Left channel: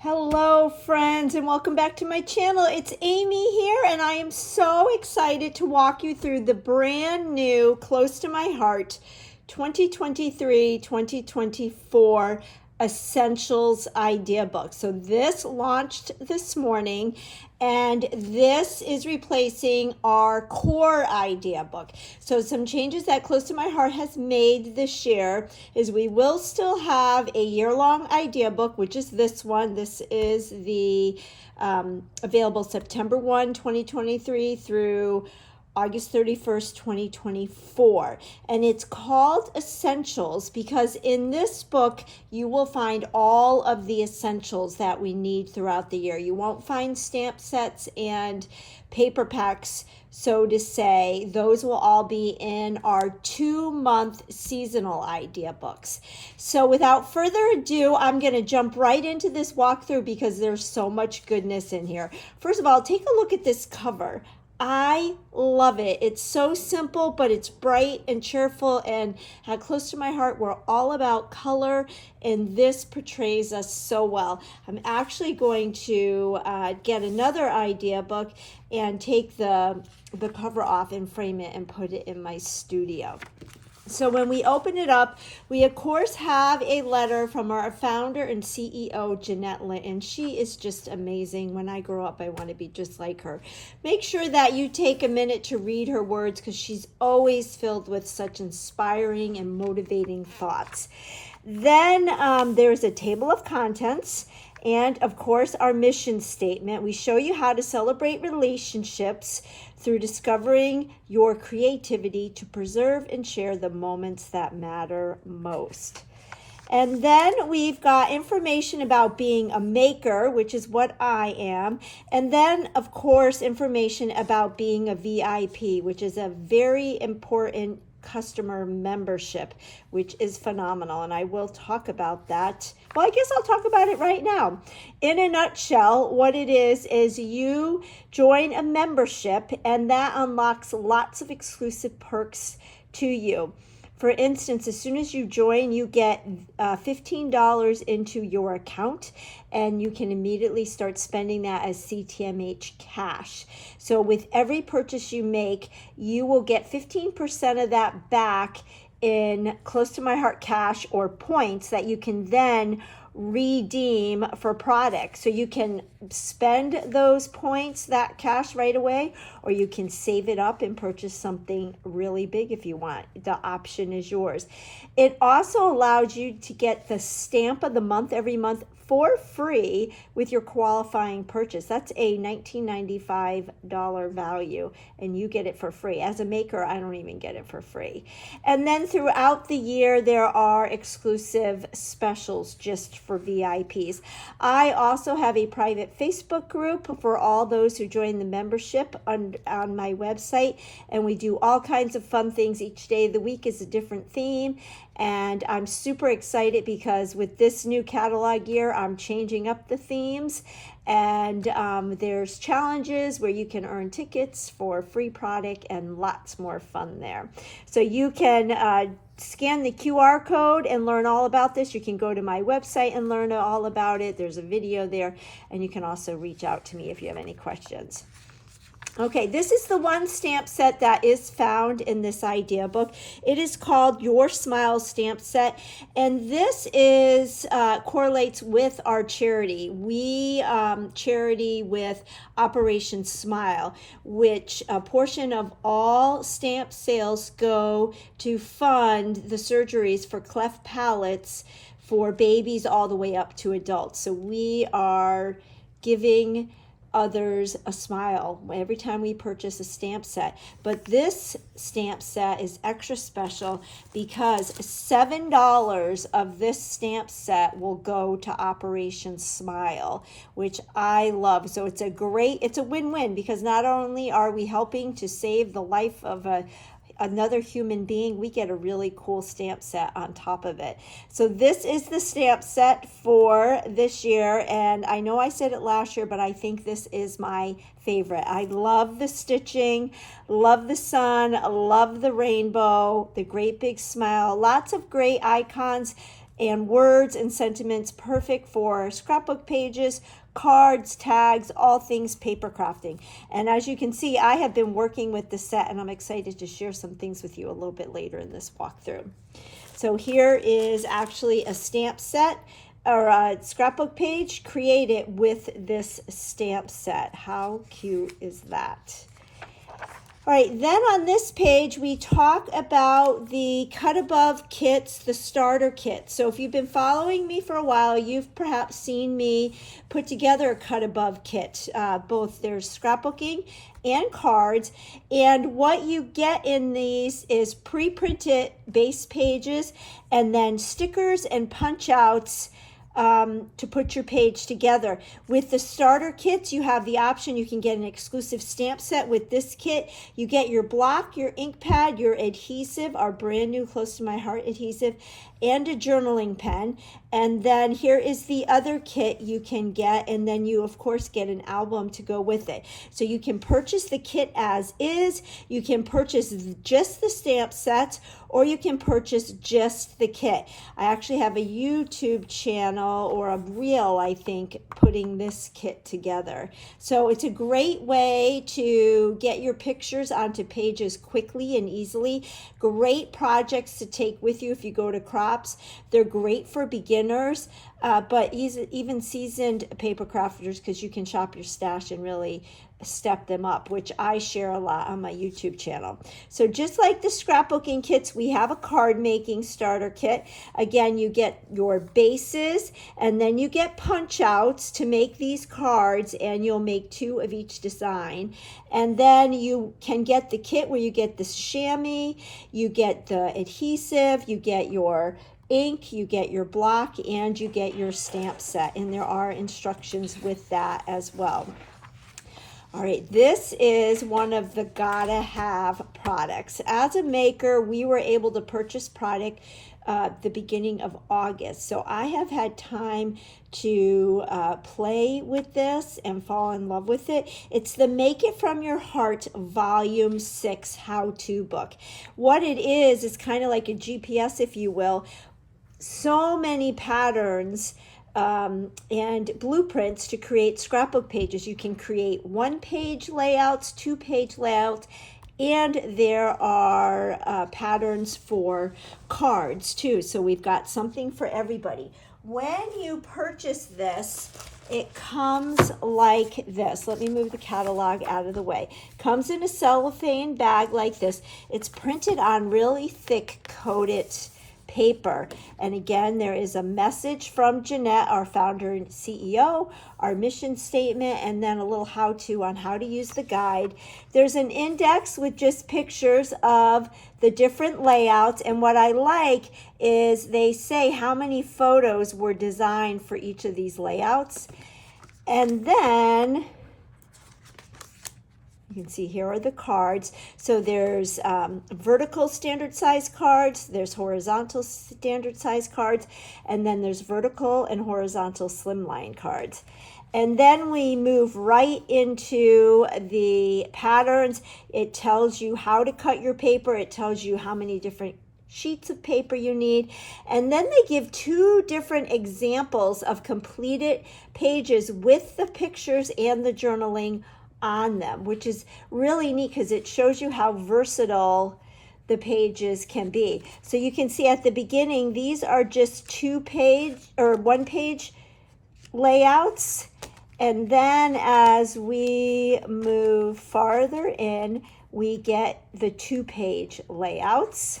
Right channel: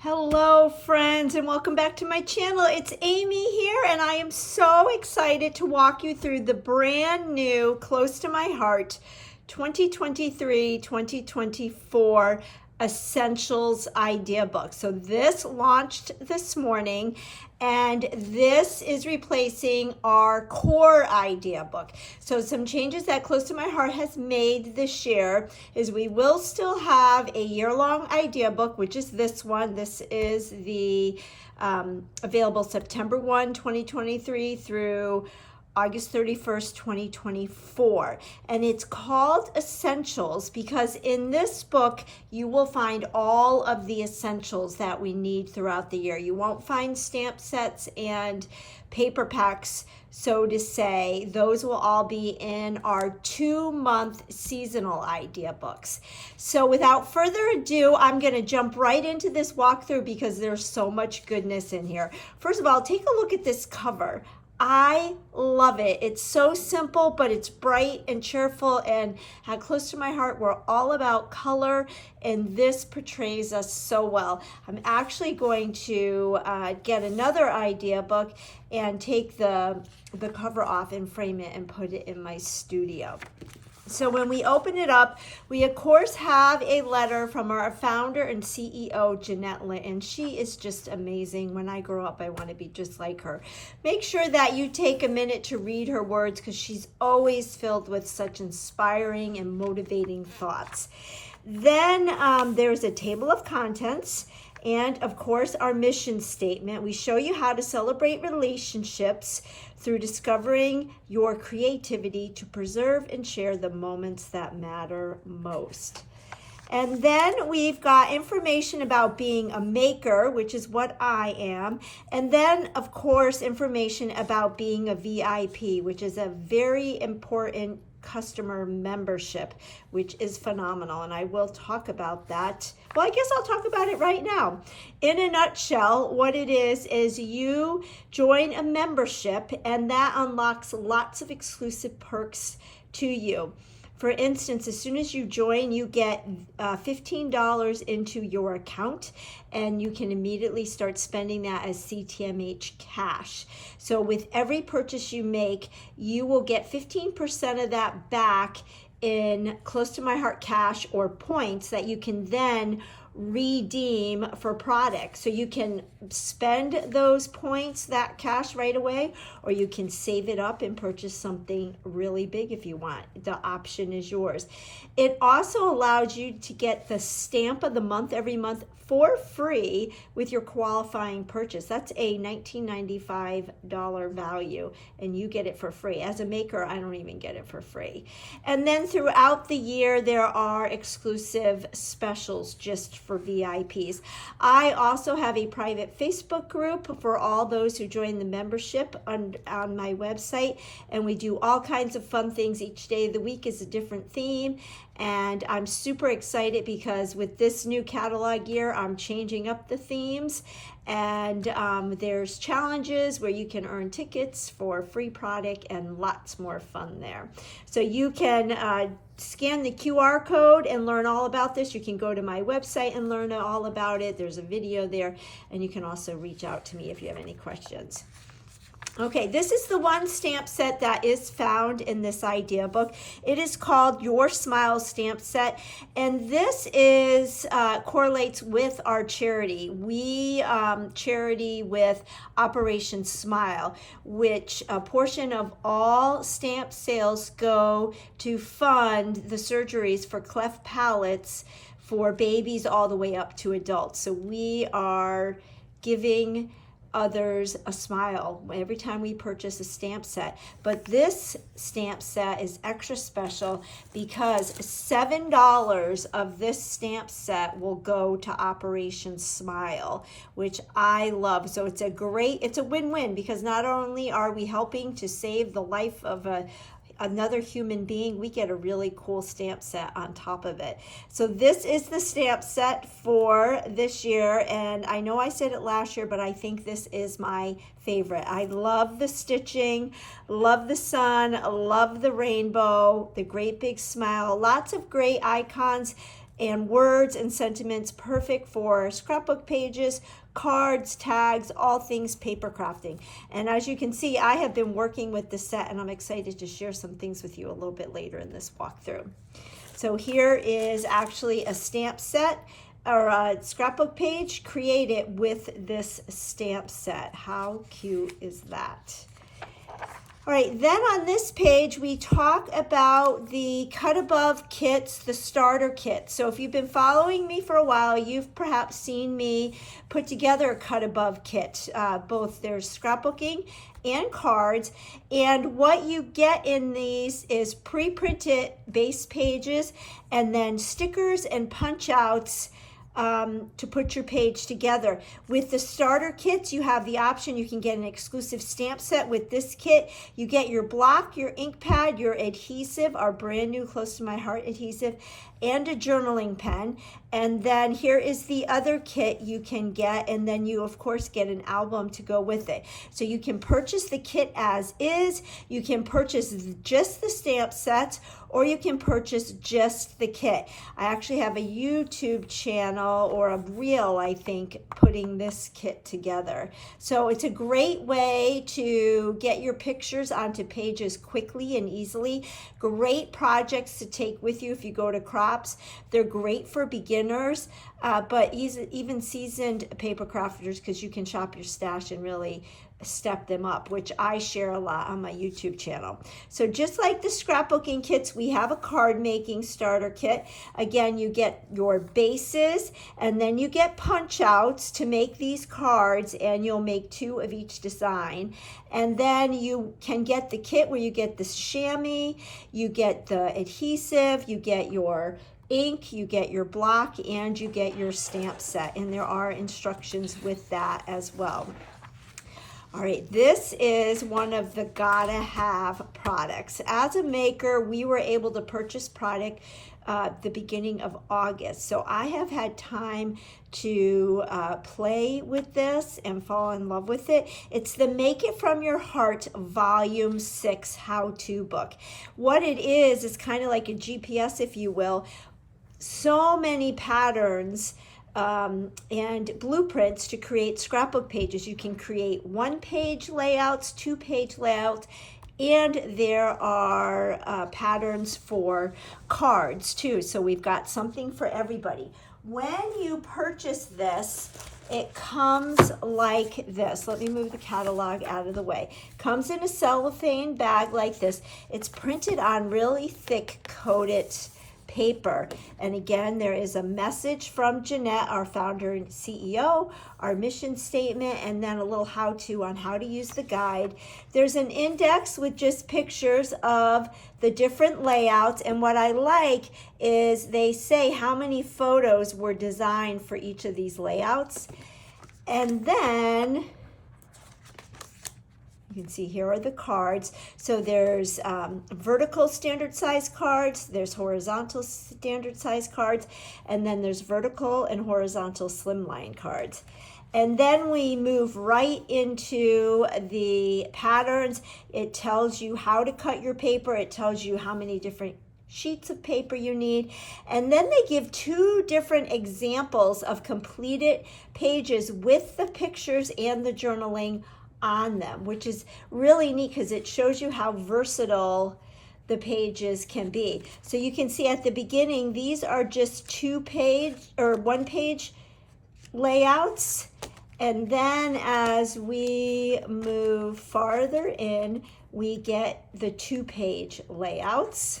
Hello friends, and welcome back to my channel. It's Amy here, and I am so excited to walk you through the brand new, close to my heart, 2023-2024 Essentials Idea Book. So this launched this morning, and this is replacing our core idea book. So some changes that Close to My Heart has made this year is we will still have a year-long idea book, which is this one. This is the available September 1, 2023 through August 31st, 2024. And it's called Essentials because in this book, you will find all of the essentials that we need throughout the year. You won't find stamp sets and paper packs, so to say. Those will all be in our 2-month seasonal idea books. So without further ado, I'm going to jump right into this walkthrough because there's so much goodness in here. First of all, take a look at this cover. I love it. It's so simple, but it's bright and cheerful, and at Close to My Heart, we're all about color, and this portrays us so well. I'm actually going to get another idea book and take the cover off and frame it and put it in my studio. So when we open it up, we of course have a letter from our founder and CEO, Jeanette Linton. She is just amazing. When I grow up, I want to be just like her. Make sure that you take a minute to read her words because she's always filled with such inspiring and motivating thoughts. Then there's a table of contents. And of course, our mission statement. We show you how to celebrate relationships through discovering your creativity to preserve and share the moments that matter most. And then we've got information about being a maker, which is what I am. And then, of course, information about being a VIP, which is a very important customer membership, which is phenomenal, and I will talk about that. Well, I guess I'll talk about it right now. In a nutshell, what it is you join a membership, and that unlocks lots of exclusive perks to you. For instance, as soon as you join, you get $15 into your account, and you can immediately start spending that as Ctmh cash. So with every purchase you make, you will get 15% of that back in Close to My Heart cash or points that you can then redeem for products. So you can spend those points, that cash right away, or you can save it up and purchase something really big if you want. The option is yours. It also allows you to get the stamp of the month every month for free with your qualifying purchase. That's a $19.95 value, and you get it for free. As a maker, I don't even get it for free. And then throughout the year, there are exclusive specials just for VIPs. I also have a private Facebook group for all those who join the membership on my website, and we do all kinds of fun things. Each day of the week is a different theme. And I'm super excited because with this new catalog year, I'm changing up the themes. And there's challenges where you can earn tickets for free product and lots more fun there. So you can scan the QR code and learn all about this. You can go to my website and learn all about it. There's a video there. And you can also reach out to me if you have any questions. Okay, this is the one stamp set that is found in this idea book. It is called Your Smile Stamp Set, and this is correlates with our charity. We charity with Operation Smile, which a portion of all stamp sales go to fund the surgeries for cleft palates for babies all the way up to adults. So we are giving others a smile every time we purchase a stamp set. But this stamp set is extra special because $7 of this stamp set will go to Operation Smile, which I love. So it's a win-win because not only are we helping to save the life of another human being, we get a really cool stamp set on top of it. So this is the stamp set for this year, and I know I said it last year, but I think this is my favorite. I love the stitching, love the sun, love the rainbow, the great big smile, lots of great icons. and words and sentiments, perfect for scrapbook pages, cards, tags, all things paper crafting. And as you can see, I have been working with the set, and I'm excited to share some things with you a little bit later in this walkthrough. So here is actually a stamp set or a scrapbook page created with this stamp set. How cute is that? All right, then on this page, we talk about the cut above kits, the starter kit. So if you've been following me for a while, you've perhaps seen me put together a cut above kit. Both there's scrapbooking and cards. And what you get in these is pre-printed base pages and then stickers and punch outs to put your page together. With the starter kits, you have the option, you can get an exclusive stamp set with this kit. You get your block, your ink pad, your adhesive, our brand new Close to My Heart adhesive, and a journaling pen. And then here is the other kit you can get, and then you of course get an album to go with it. So you can purchase the kit as is, you can purchase just the stamp sets, or you can purchase just the kit. I actually have a YouTube channel, or a reel I think, putting this kit together. So it's a great way to get your pictures onto pages quickly and easily. Great projects to take with you if you go to crops. They're great for beginners, but even seasoned paper crafters, because you can shop your stash and really step them up, which I share a lot on my YouTube channel. So just like the scrapbooking kits, we have a card making starter kit. Again, you get your bases, and then you get punch outs to make these cards, and you'll make 2 of each design. And then you can get the kit where you get the chamois, you get the adhesive, you get your ink, you get your block, and you get your stamp set. And there are instructions with that as well. All right, this is one of the gotta have products. As a maker, we were able to purchase product the beginning of August. So I have had time to play with this and fall in love with it. It's the Make It From Your Heart Volume 6 how-to book. What it is kind of like a GPS, if you will. So many patterns and blueprints to create scrapbook pages. You can create 1-page layouts, 2-page layouts, and there are patterns for cards too. So we've got something for everybody. When you purchase this, it comes like this. Let me move the catalog out of the way. Comes in a cellophane bag like this. It's printed on really thick coated paper. And again, there is a message from Jeanette, our founder and CEO, our mission statement, and then a little how-to on how to use the guide. There's an index with just pictures of the different layouts, and what I like is they say how many photos were designed for each of these layouts. And then you can see here are the cards. So there's vertical standard size cards, there's horizontal standard size cards, and then there's vertical and horizontal slimline cards. And then we move right into the patterns. It tells you how to cut your paper. It tells you how many different sheets of paper you need. And then they give 2 different examples of completed pages with the pictures and the journaling on them, which is really neat because it shows you how versatile the pages can be. So you can see at the beginning, these are just 2-page or 1-page layouts. And then as we move farther in, we get the 2-page layouts.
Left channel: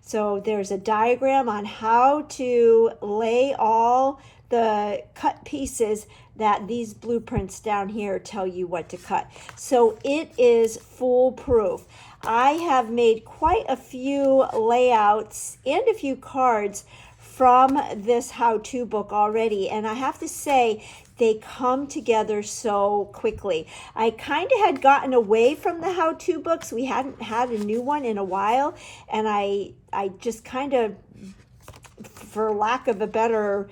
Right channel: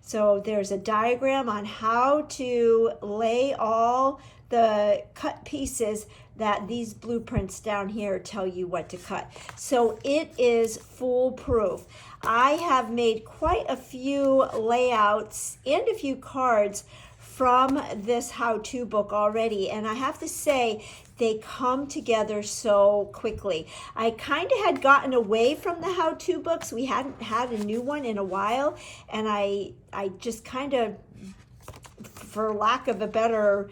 So there's a diagram on how to lay all the cut pieces that these blueprints down here tell you what to cut. So it is foolproof. I have made quite a few layouts and a few cards from this how-to book already, and I have to say they come together so quickly. I kind of had gotten away from the how-to books. We hadn't had a new one in a while, and I just kind of, for lack of a better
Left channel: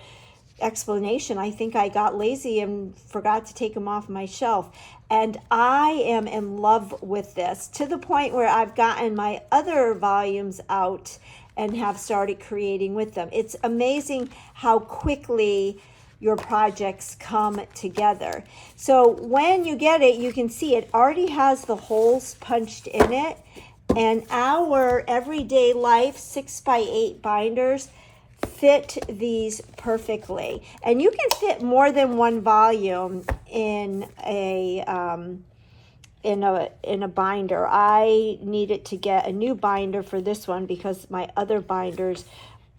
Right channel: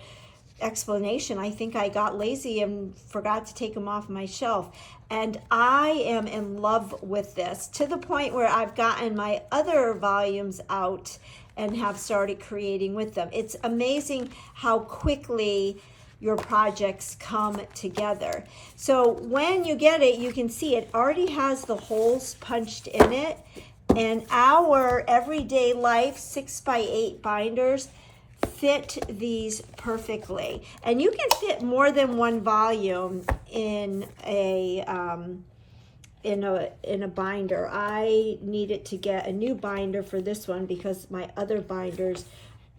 explanation, I think I got lazy and forgot to take them off my shelf. And I am in love with this to the point where I've gotten my other volumes out and have started creating with them. It's amazing how quickly your projects come together. So when you get it, you can see it already has the holes punched in it, and our Everyday Life 6x8 binders fit these perfectly. And you can fit more than one volume in a binder. I needed to get a new binder for this one because my other binders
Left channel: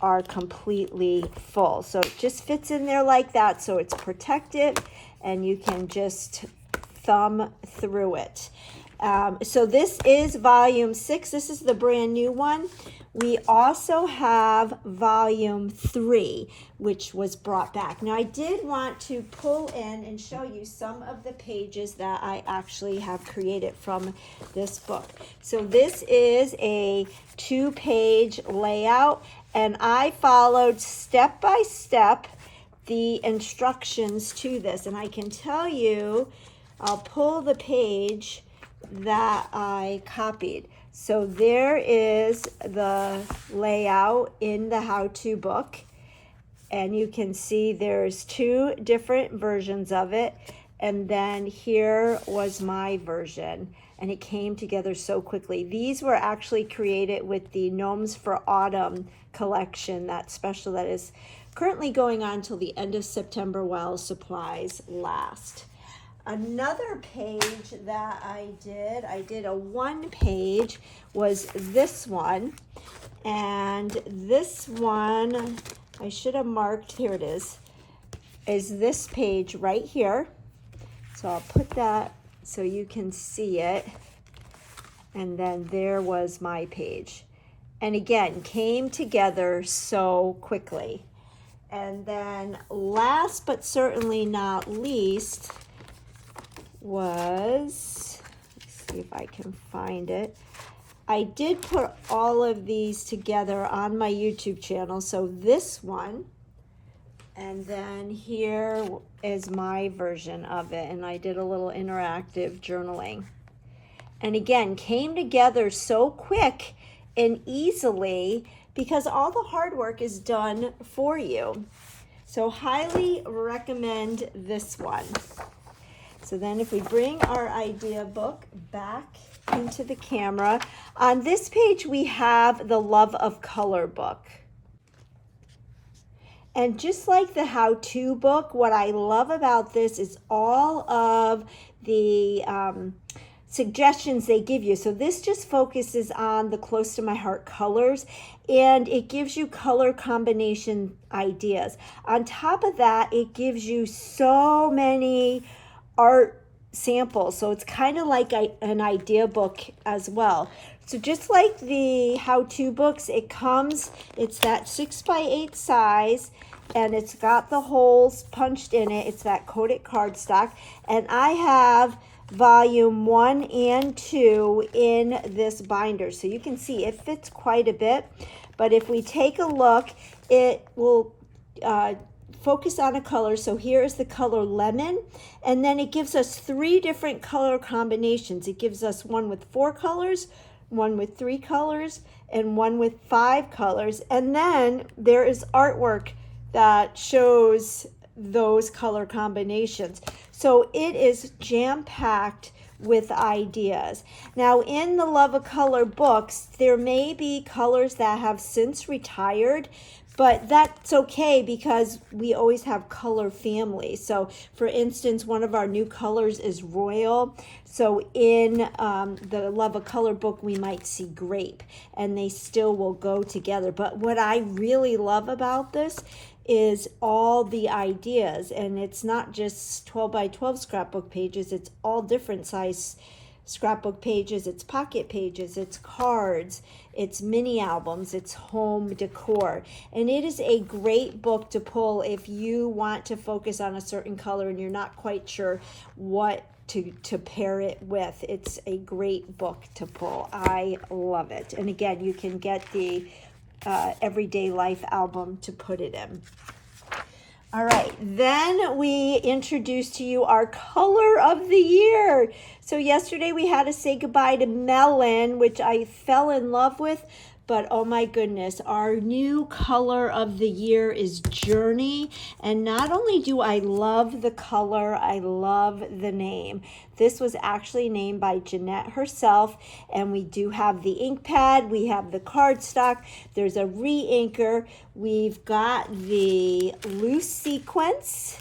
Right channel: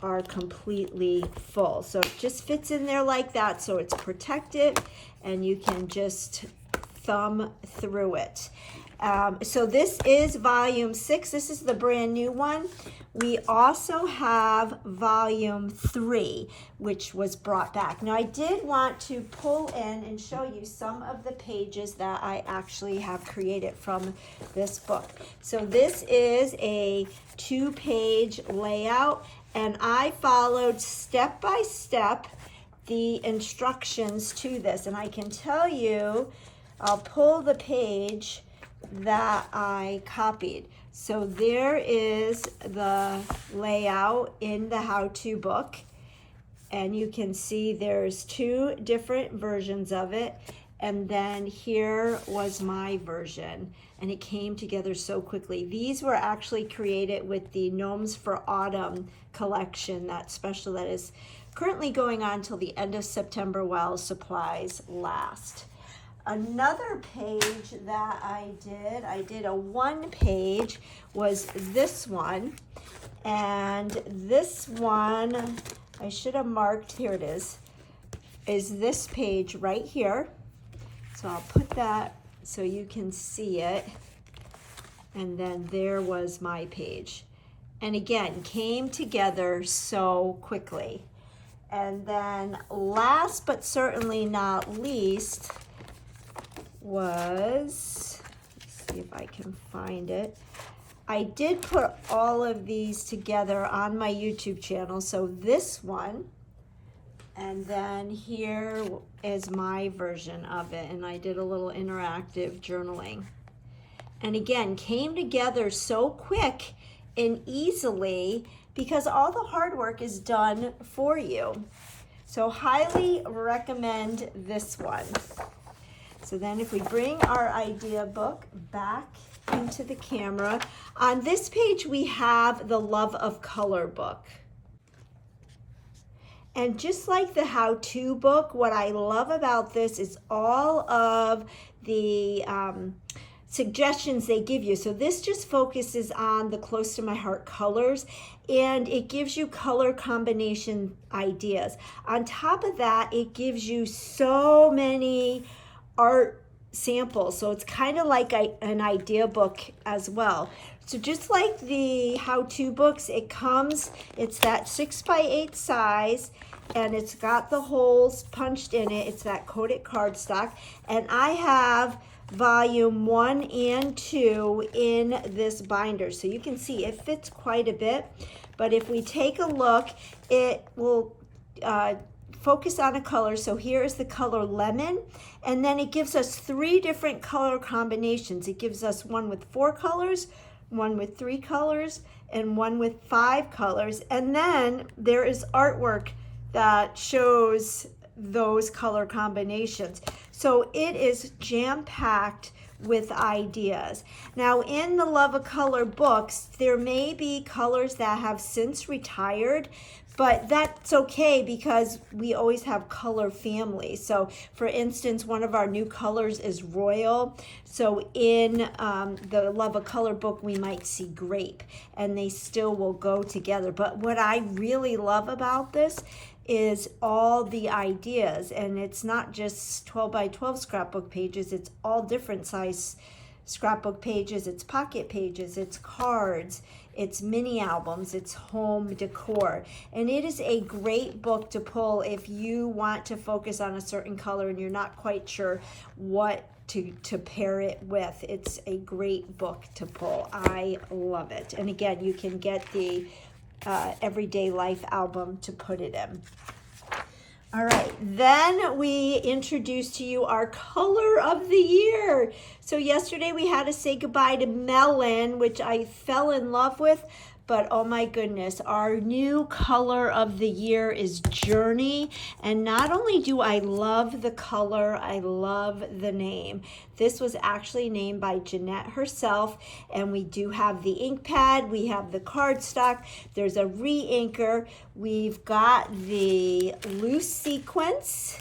are completely full. So it just fits in there like that, so it's protected and you can just thumb through it. So this is volume 6. This is the brand new one. We also have volume 3, which was brought back. Now I did want to pull in and show you some of the pages that I actually have created from this book. So this is a 2-page layout, and I followed step by step the instructions to this. And I can tell you, I'll pull the page that I copied. So there is the layout in the how-to book, and you can see there's 2 different versions of it, and then here was my version, and it came together so quickly. These were actually created with the Gnomes for Autumn collection, that special that is currently going on till the end of September while supplies last. Another page that I did a 1-page, was this one. And this one, I should have marked, here it is this page right here. So I'll put that so you can see it. And then there was my page. And again, came together so quickly. And then last but certainly not least, was, let's see if I can find it. I did put all of these together on my YouTube channel. So this one, and then here is my version of it, and I did a little interactive journaling. And again, came together so quick and easily because all the hard work is done for you. So highly recommend this one. So then if we bring our idea book back into the camera, on this page we have the Love of Color book. And just like the how-to book, what I love about this is all of the suggestions they give you. So this just focuses on the close to my heart colors, and it gives you color combination ideas. On top of that, it gives you so many art samples, so it's kind of like an idea book as well. So just like the how-to books, it's that 6x8 size, and it's got the holes punched in it. It's that coated cardstock, and I have volume 1 and 2 in this binder, so you can see it fits quite a bit. But if we take a look, it will focus on a color. So here is the color lemon, and then it gives us 3 different color combinations. It gives us one with 4 colors, one with 3 colors, and one with 5 colors. And then there is artwork that shows those color combinations. So it is jam-packed with ideas. Now in the Love of Color books, there may be colors that have since retired, but that's okay because we always have color families. So for instance, one of our new colors is royal. So in the Love of Color book, we might see grape, and they still will go together. But what I really love about this is all the ideas, and it's not just 12 by 12 scrapbook pages, it's all different size scrapbook pages, it's pocket pages, it's cards, it's mini albums, it's home decor. And it is a great book to pull if you want to focus on a certain color and you're not quite sure what to pair it with. It's a great book to pull. I love it. And again, you can get the Everyday Life album to put it in. All right, then we introduce to you our color of the year. So yesterday we had to say goodbye to melon, which I fell in love with, but oh my goodness, our new color of the year is Journey. And not only do I love the color, I love the name. This was actually named by Jeanette herself, and we do have the ink pad, we have the cardstock, there's a re-inker, we've got the loose sequence,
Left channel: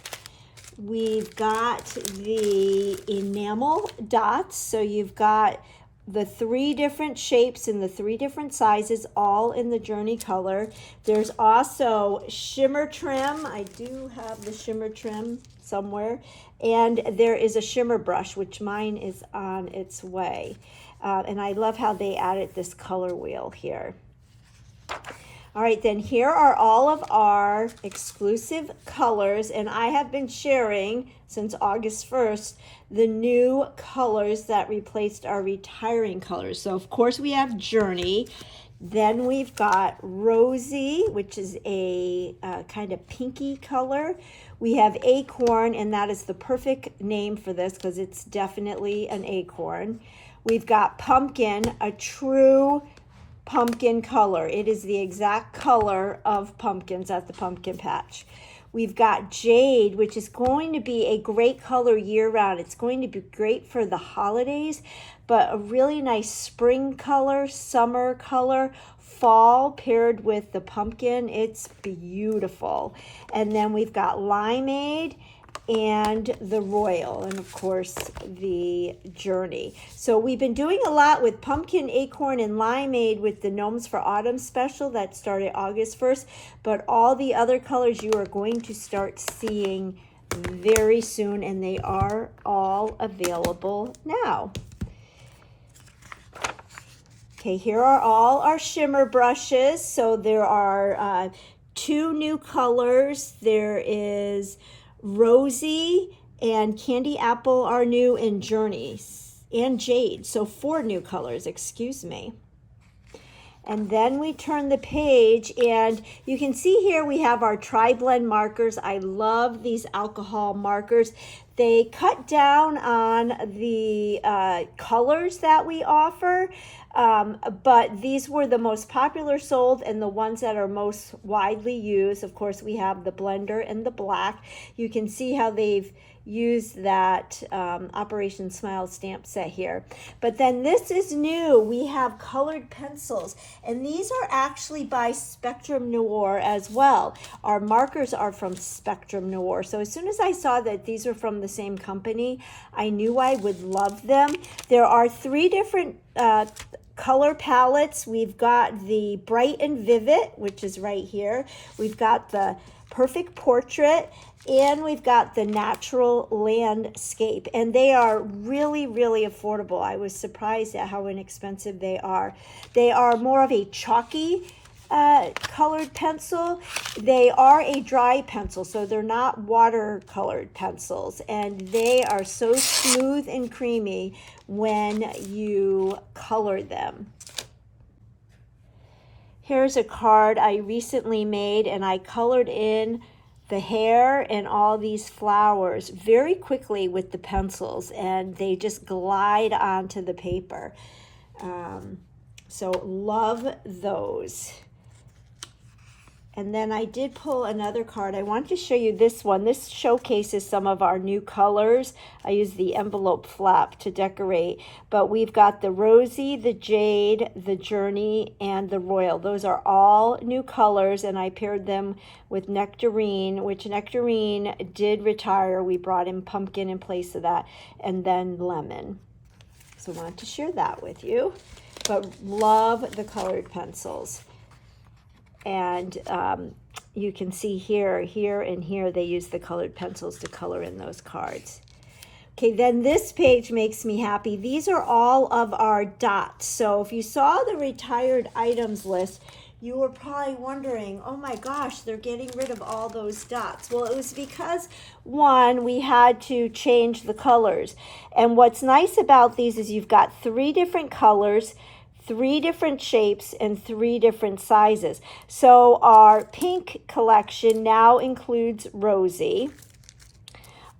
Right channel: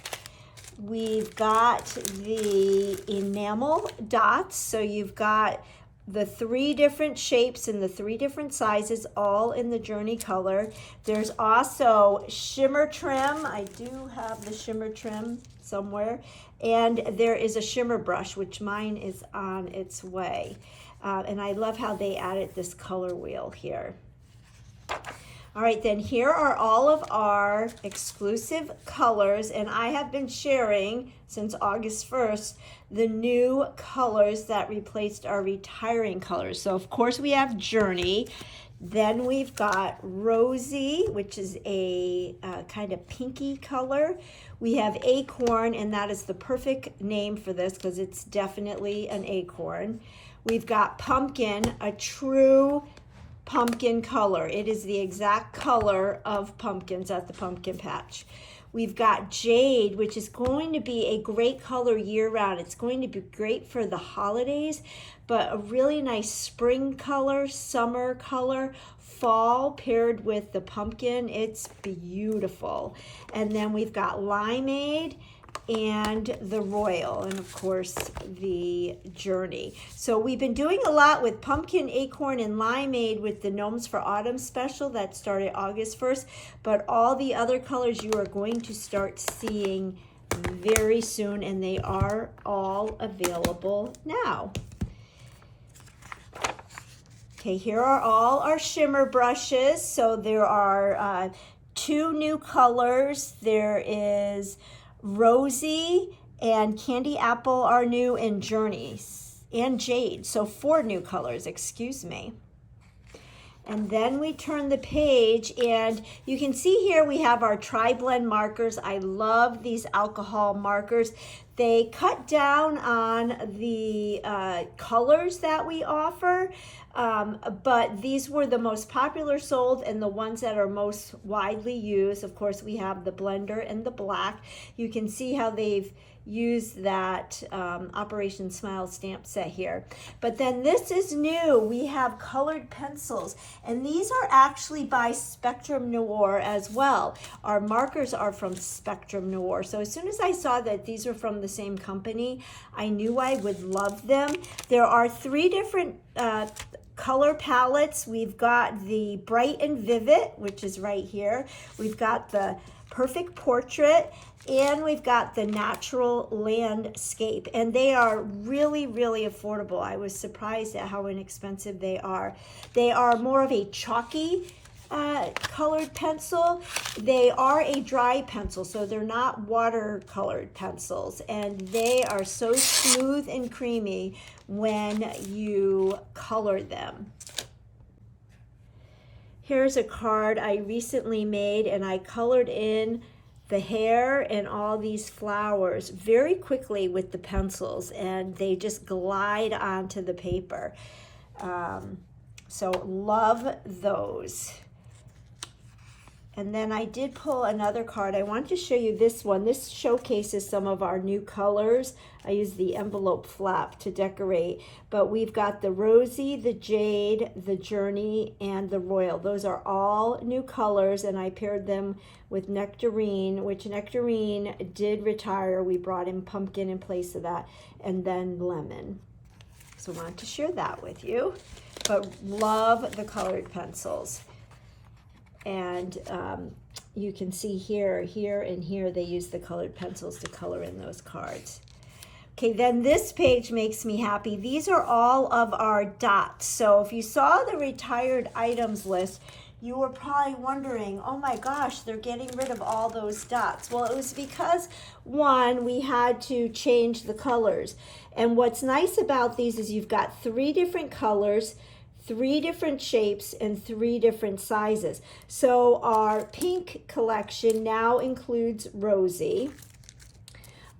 we've got the enamel dots, so you've got the 3 different shapes and the 3 different sizes, all in the Journey color. There's also shimmer trim. I do have the shimmer trim somewhere. And there is a shimmer brush, which mine is on its way. And I love how they added this color wheel here. All right, then here are all of our exclusive colors, and I have been sharing since August 1st the new colors that replaced our retiring colors. So of course we have Journey, then we've got Rosy, which is a kind of pinky color. We have Acorn, and that is the perfect name for this because it's definitely an acorn. We've got Pumpkin, a true pumpkin color. It is the exact color of pumpkins at the pumpkin patch. We've got Jade, which is going to be a great color year-round. It's going to be great for the holidays, but a really nice spring color, summer color, fall paired with the pumpkin. It's beautiful. And then we've got Limeade and the Royal, and of course the Journey. So we've been doing a lot with Pumpkin, Acorn, and Limeade with the Gnomes for Autumn special that started August 1st, but all the other colors you are going to start seeing very soon, and they are all available now. Okay, here are all our shimmer brushes. So there are 2 new colors. There is Rosy and Candy Apple are new, and Journey and Jade. So 4 new colors, excuse me. And then we turn the page, and you can see here we have our tri-blend markers. I love these alcohol markers. They cut down on the colors that we offer, but these were the most popular sold and the ones that are most widely used. Of course, we have the blender and the black. You can see how they've used that Operation Smile stamp set here. But then this is new. We have colored pencils, and these are actually by Spectrum Noir as well. Our markers are from Spectrum Noir. So as soon as I saw that these are from the same company, I knew I would love them. There are 3 different color palettes. We've got the Bright and Vivid, which is right here. We've got the Perfect Portrait, and we've got the Natural Landscape, and they are really, really affordable. I was surprised at how inexpensive they are. They are more of a chalky colored pencil. They are a dry pencil, so they're not watercolored pencils, and they are so smooth and creamy when you color them. Here's a card I recently made, and I colored in the hair and all these flowers very quickly with the pencils, and they just glide onto the paper. So love those. And then I did pull another card. I want to show you this one. This showcases some of our new colors. I used the envelope flap to decorate, but we've got the Rosy, the Jade, the Journey, and the Royal. Those are all new colors, and I paired them with Nectarine, which Nectarine did retire. We brought in Pumpkin in place of that, and then Lemon. So I wanted to share that with you, but love the colored pencils. And you can see here, and here, they use the colored pencils to color in those cards. Okay, then this page makes me happy. These are all of our dots. So if you saw the retired items list, you were probably wondering, oh my gosh, they're getting rid of all those dots. Well, it was because, one, we had to change the colors. And what's nice about these is you've got 3 different colors, 3 different shapes, and 3 different sizes. So our pink collection now includes Rosy.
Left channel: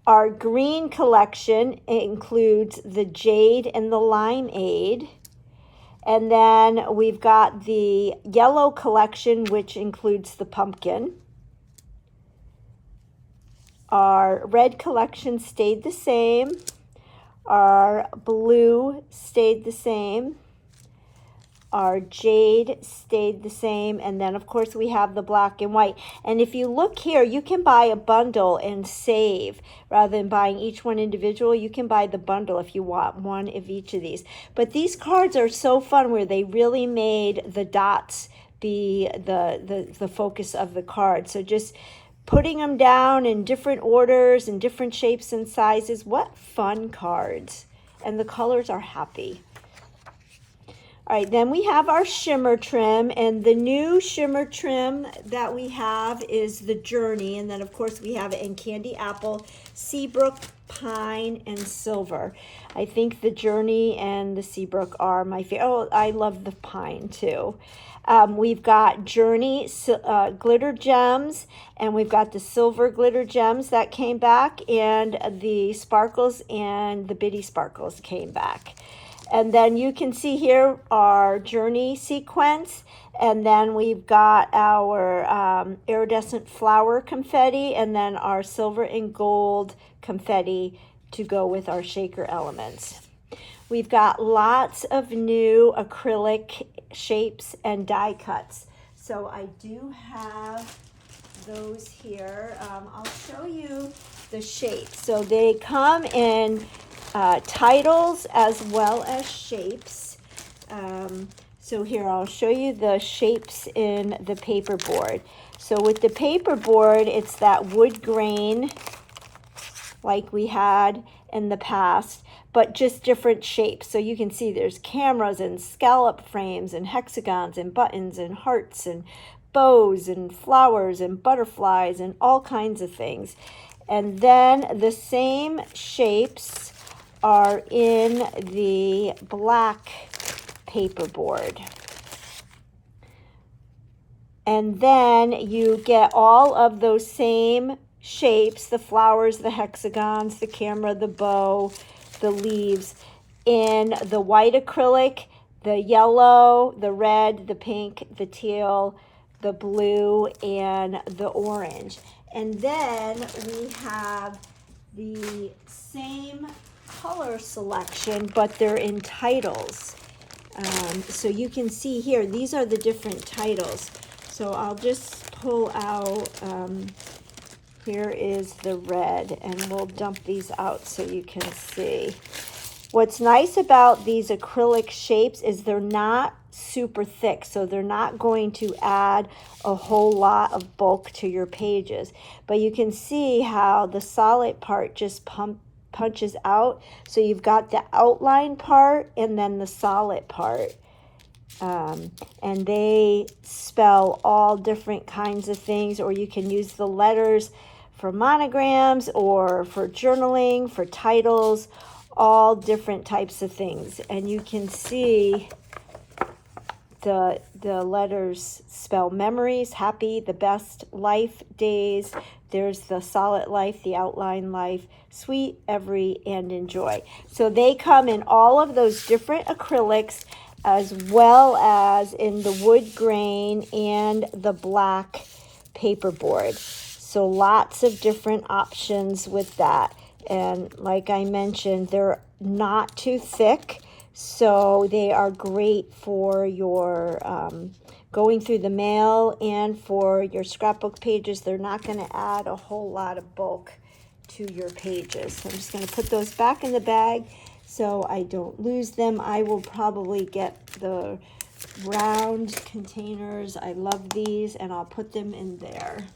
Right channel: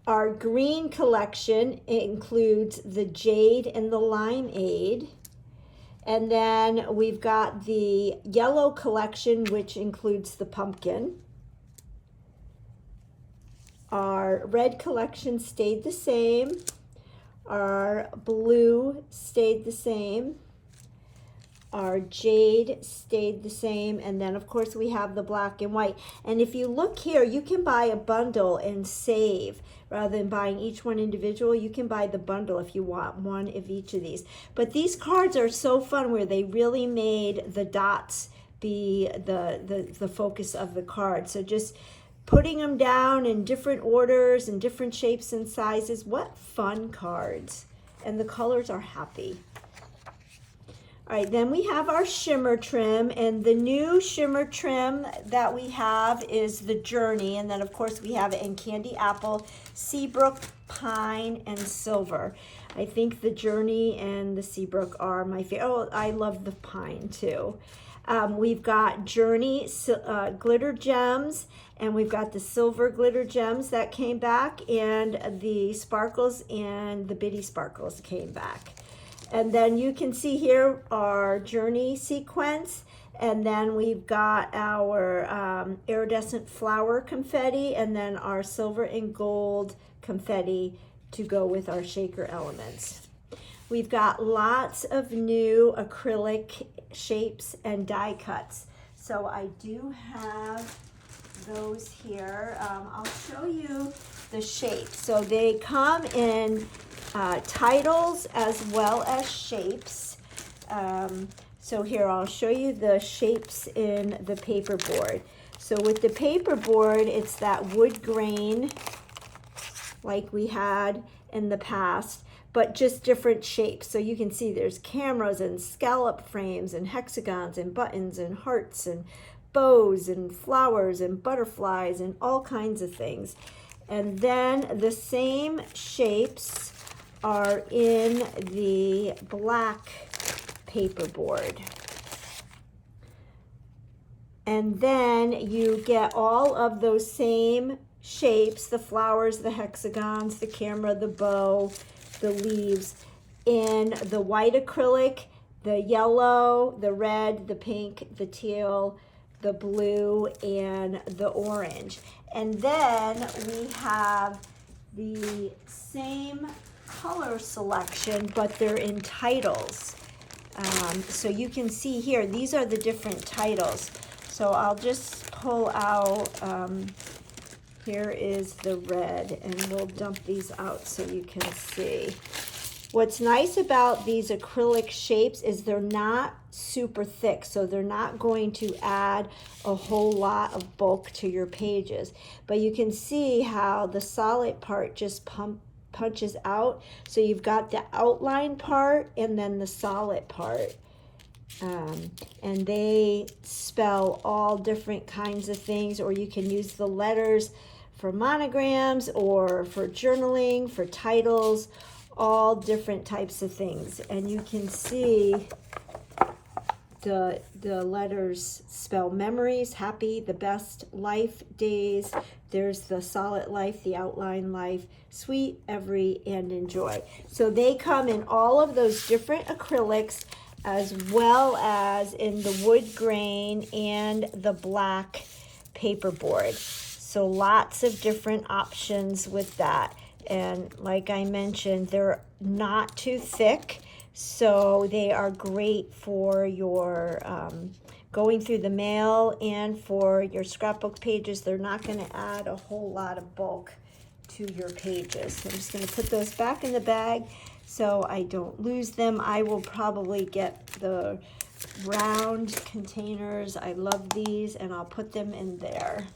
Our green collection includes the Jade and the Limeade. And then we've got the yellow collection, which includes the pumpkin. Our red collection stayed the same. Our blue stayed the same. Our jade stayed the same. And then, of course, we have the black and white. And if you look here, you can buy a bundle and save. Rather than buying each one individual, you can buy the bundle if you want one of each of these. But these cards are so fun where they really made the dots be the focus of the card. So just putting them down in different orders and different shapes and sizes. What fun cards. And the colors are happy. All right, then we have our shimmer trim, and the new shimmer trim that we have is the Journey, and then of course we have it in Candy Apple, Seabrook, Pine, and Silver. I think the Journey and the Seabrook are my favorite. Oh, I love the Pine too. We've got Journey glitter gems, and we've got the silver glitter gems that came back, and the sparkles and the bitty sparkles came back. And then you can see here our Journey sequence, and then we've got our iridescent flower confetti, and then our silver and gold confetti to go with our shaker elements. We've got lots of new acrylic shapes and die cuts. So I do have those here. I'll show you the shapes. So they come in titles as well as shapes. So here I'll show you the shapes in the paperboard. So with the paperboard, it's that wood grain like we had in the past, but just different shapes. So you can see there's cameras and scallop frames and hexagons and buttons and hearts and bows and flowers and butterflies and all kinds of things. And then the same shapes are in the black paperboard. And then you get all of those same shapes, the flowers, the hexagons, the camera, the bow, the leaves, in the white acrylic, the yellow, the red, the pink, the teal, the blue, and the orange. And then we have the same color selection, but they're in titles. So you can see here, these are the different titles. So I'll just pull out, here is the red, and we'll dump these out so you can see. What's nice about these acrylic shapes is they're not super thick, so they're not going to add a whole lot of bulk to your pages. But you can see how the solid part just punches out. So you've got the outline part and then the solid part. And they spell all different kinds of things, or you can use the letters for monograms or for journaling, for titles, all different types of things. And you can see the letters spell memories, happy, the best, life, days. There's the solid life, the outline life, sweet, every, and enjoy. So they come in all of those different acrylics, as well as in the wood grain and the black paperboard. So lots of different options with that. And like I mentioned, they're not too thick, so they are great for your going through the mail and for your scrapbook pages. They're not going to add a whole lot of bulk to your pages. So I'm just going to put those back in the bag so I don't lose them. I will probably get the round containers. I love these, and I'll put them in there.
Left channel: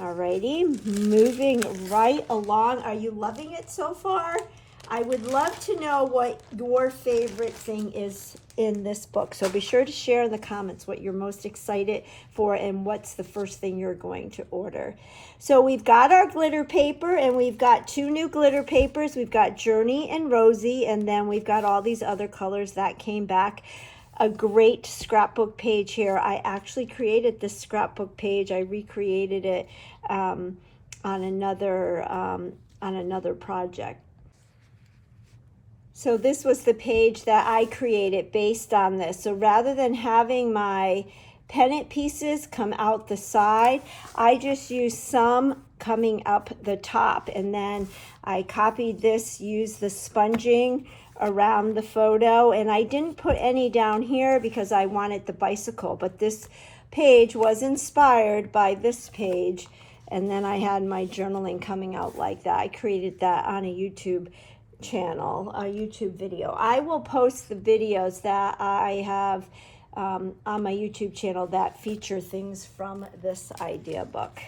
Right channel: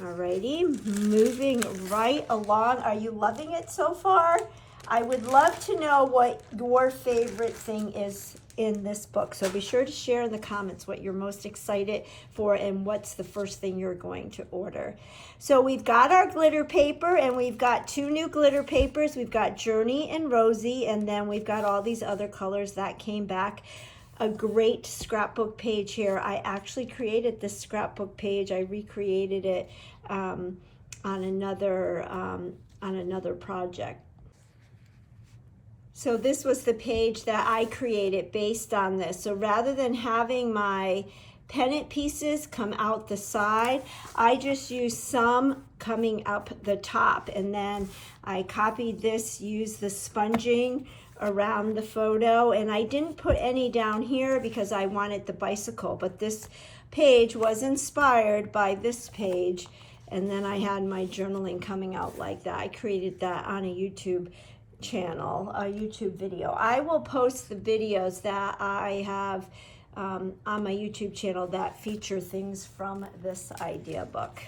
Alrighty, moving right along. Are you loving it so far? I would love to know what your favorite thing is in this book. So be sure to share in the comments what you're most excited for and what's the first thing you're going to order. So we've got our glitter paper, and we've got two new glitter papers. We've got Journey and Rosie, and then we've got all these other colors that came back. A great scrapbook page here. I actually created this scrapbook page. I recreated it on another project. So this was the page that I created based on this. So rather than having my pennant pieces come out the side, I just used some coming up the top, and then I copied this, used the sponging around the photo, and I didn't put any down here because I wanted the bicycle, but this page was inspired by this page, and then I had my journaling coming out like that. I created that on a YouTube channel, a YouTube video. I will post the videos that I have on my YouTube channel that feature things from this idea book.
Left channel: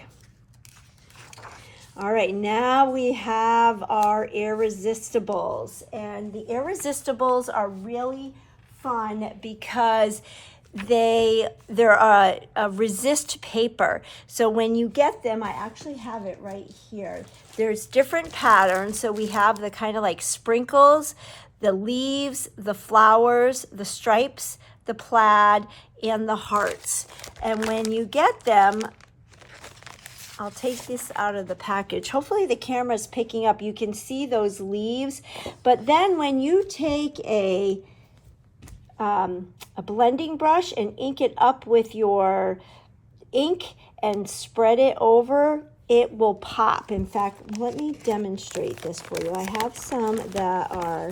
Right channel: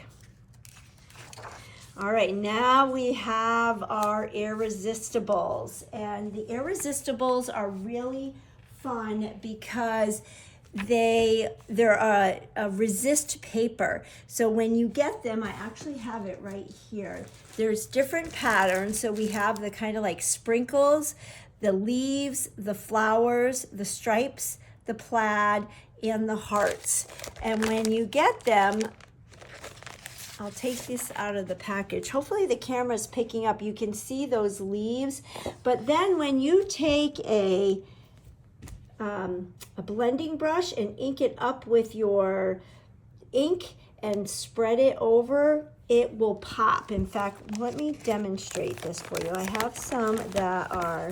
All right, now we have our Irresistibles, and the Irresistibles are really fun because they're a resist paper. So when you get them, I actually have it right here. There's different patterns. So we have the kind of like sprinkles, the leaves, the flowers, the stripes, the plaid, and the hearts. And when you get them, I'll take this out of the package. Hopefully the camera's picking up. You can see those leaves. But then when you take a blending brush and ink it up with your ink and spread it over, it will pop. In fact, let me demonstrate this for you. I have some that are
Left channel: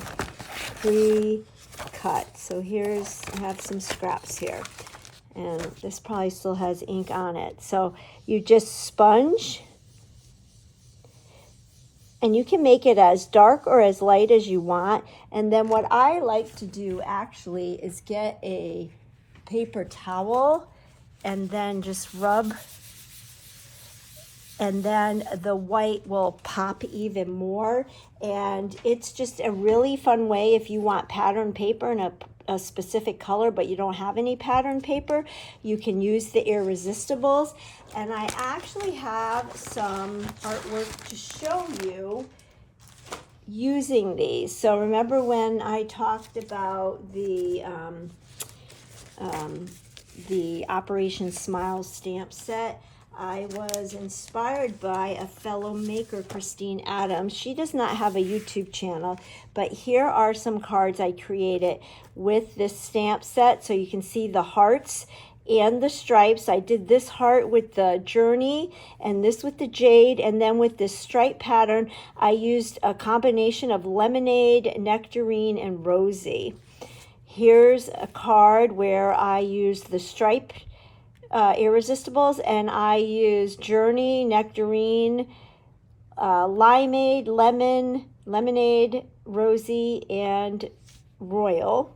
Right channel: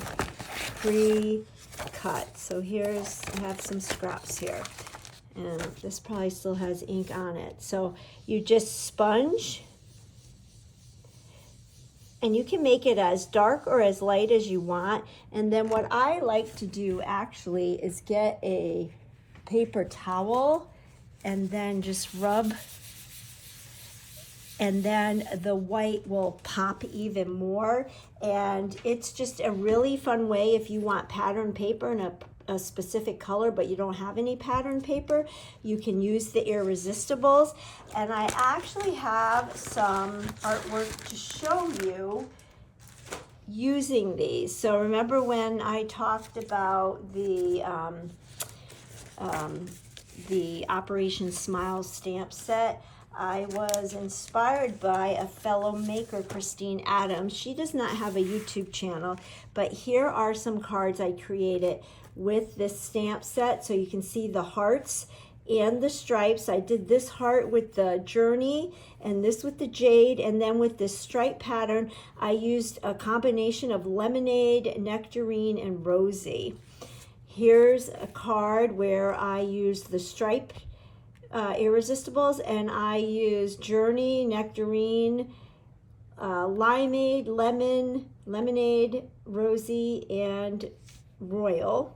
pre-cut. So I have some scraps here. And this probably still has ink on it. So you just sponge, and you can make it as dark or as light as you want. And then what I like to do actually is get a paper towel and then just rub, and then the white will pop even more. And it's just a really fun way if you want pattern paper in a specific color, but you don't have any pattern paper, you can use the Irresistibles. And I actually have some artwork to show you using these. So remember when I talked about the Operation Smile stamp set? I was inspired by a fellow maker, Christine Adams. She does not have a YouTube channel, but here are some cards I created with this stamp set. So you can see the hearts and the stripes. I did this heart with the Journey and this with the Jade, and then with this stripe pattern, I used a combination of Lemonade, Nectarine, and Rosy. Here's a card where I used the stripe Irresistibles, and I use Journey, Nectarine, Limeade, Lemon, Lemonade, Rosy, and Royal.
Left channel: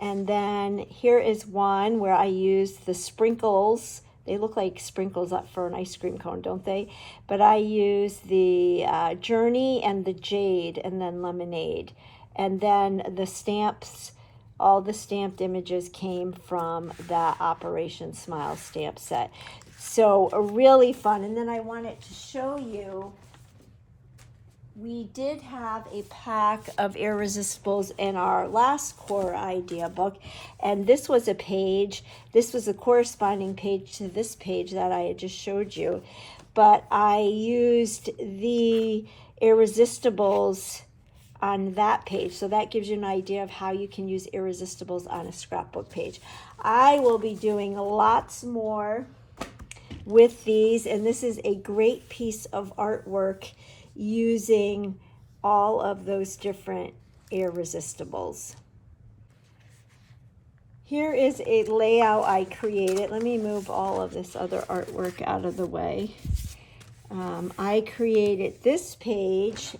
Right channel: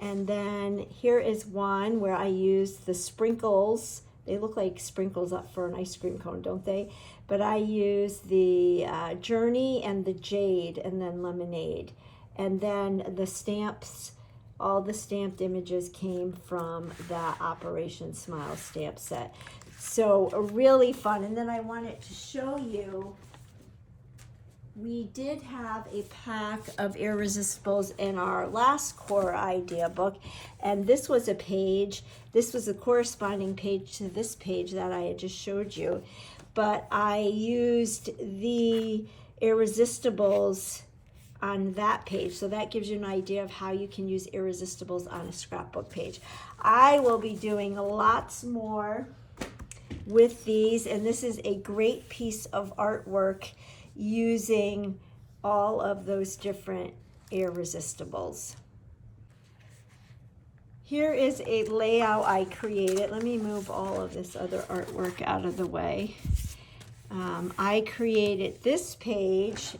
And then here is one where I use the sprinkles. They look like sprinkles up for an ice cream cone, don't they? But I use the Journey and the Jade, and then Lemonade. And then the stamps, all the stamped images came from that Operation Smile stamp set. So really fun. And then I wanted to show you, we did have a pack of Irresistibles in our last core idea book. And this was a page, this was a corresponding page to this page that I had just showed you. But I used the Irresistibles on that page, so that gives you an idea of how you can use Irresistibles on a scrapbook page. I will be doing lots more with these, and this is a great piece of artwork using all of those different Irresistibles. Here is a layout I created. Let me move all of this other artwork out of the way. I created this page.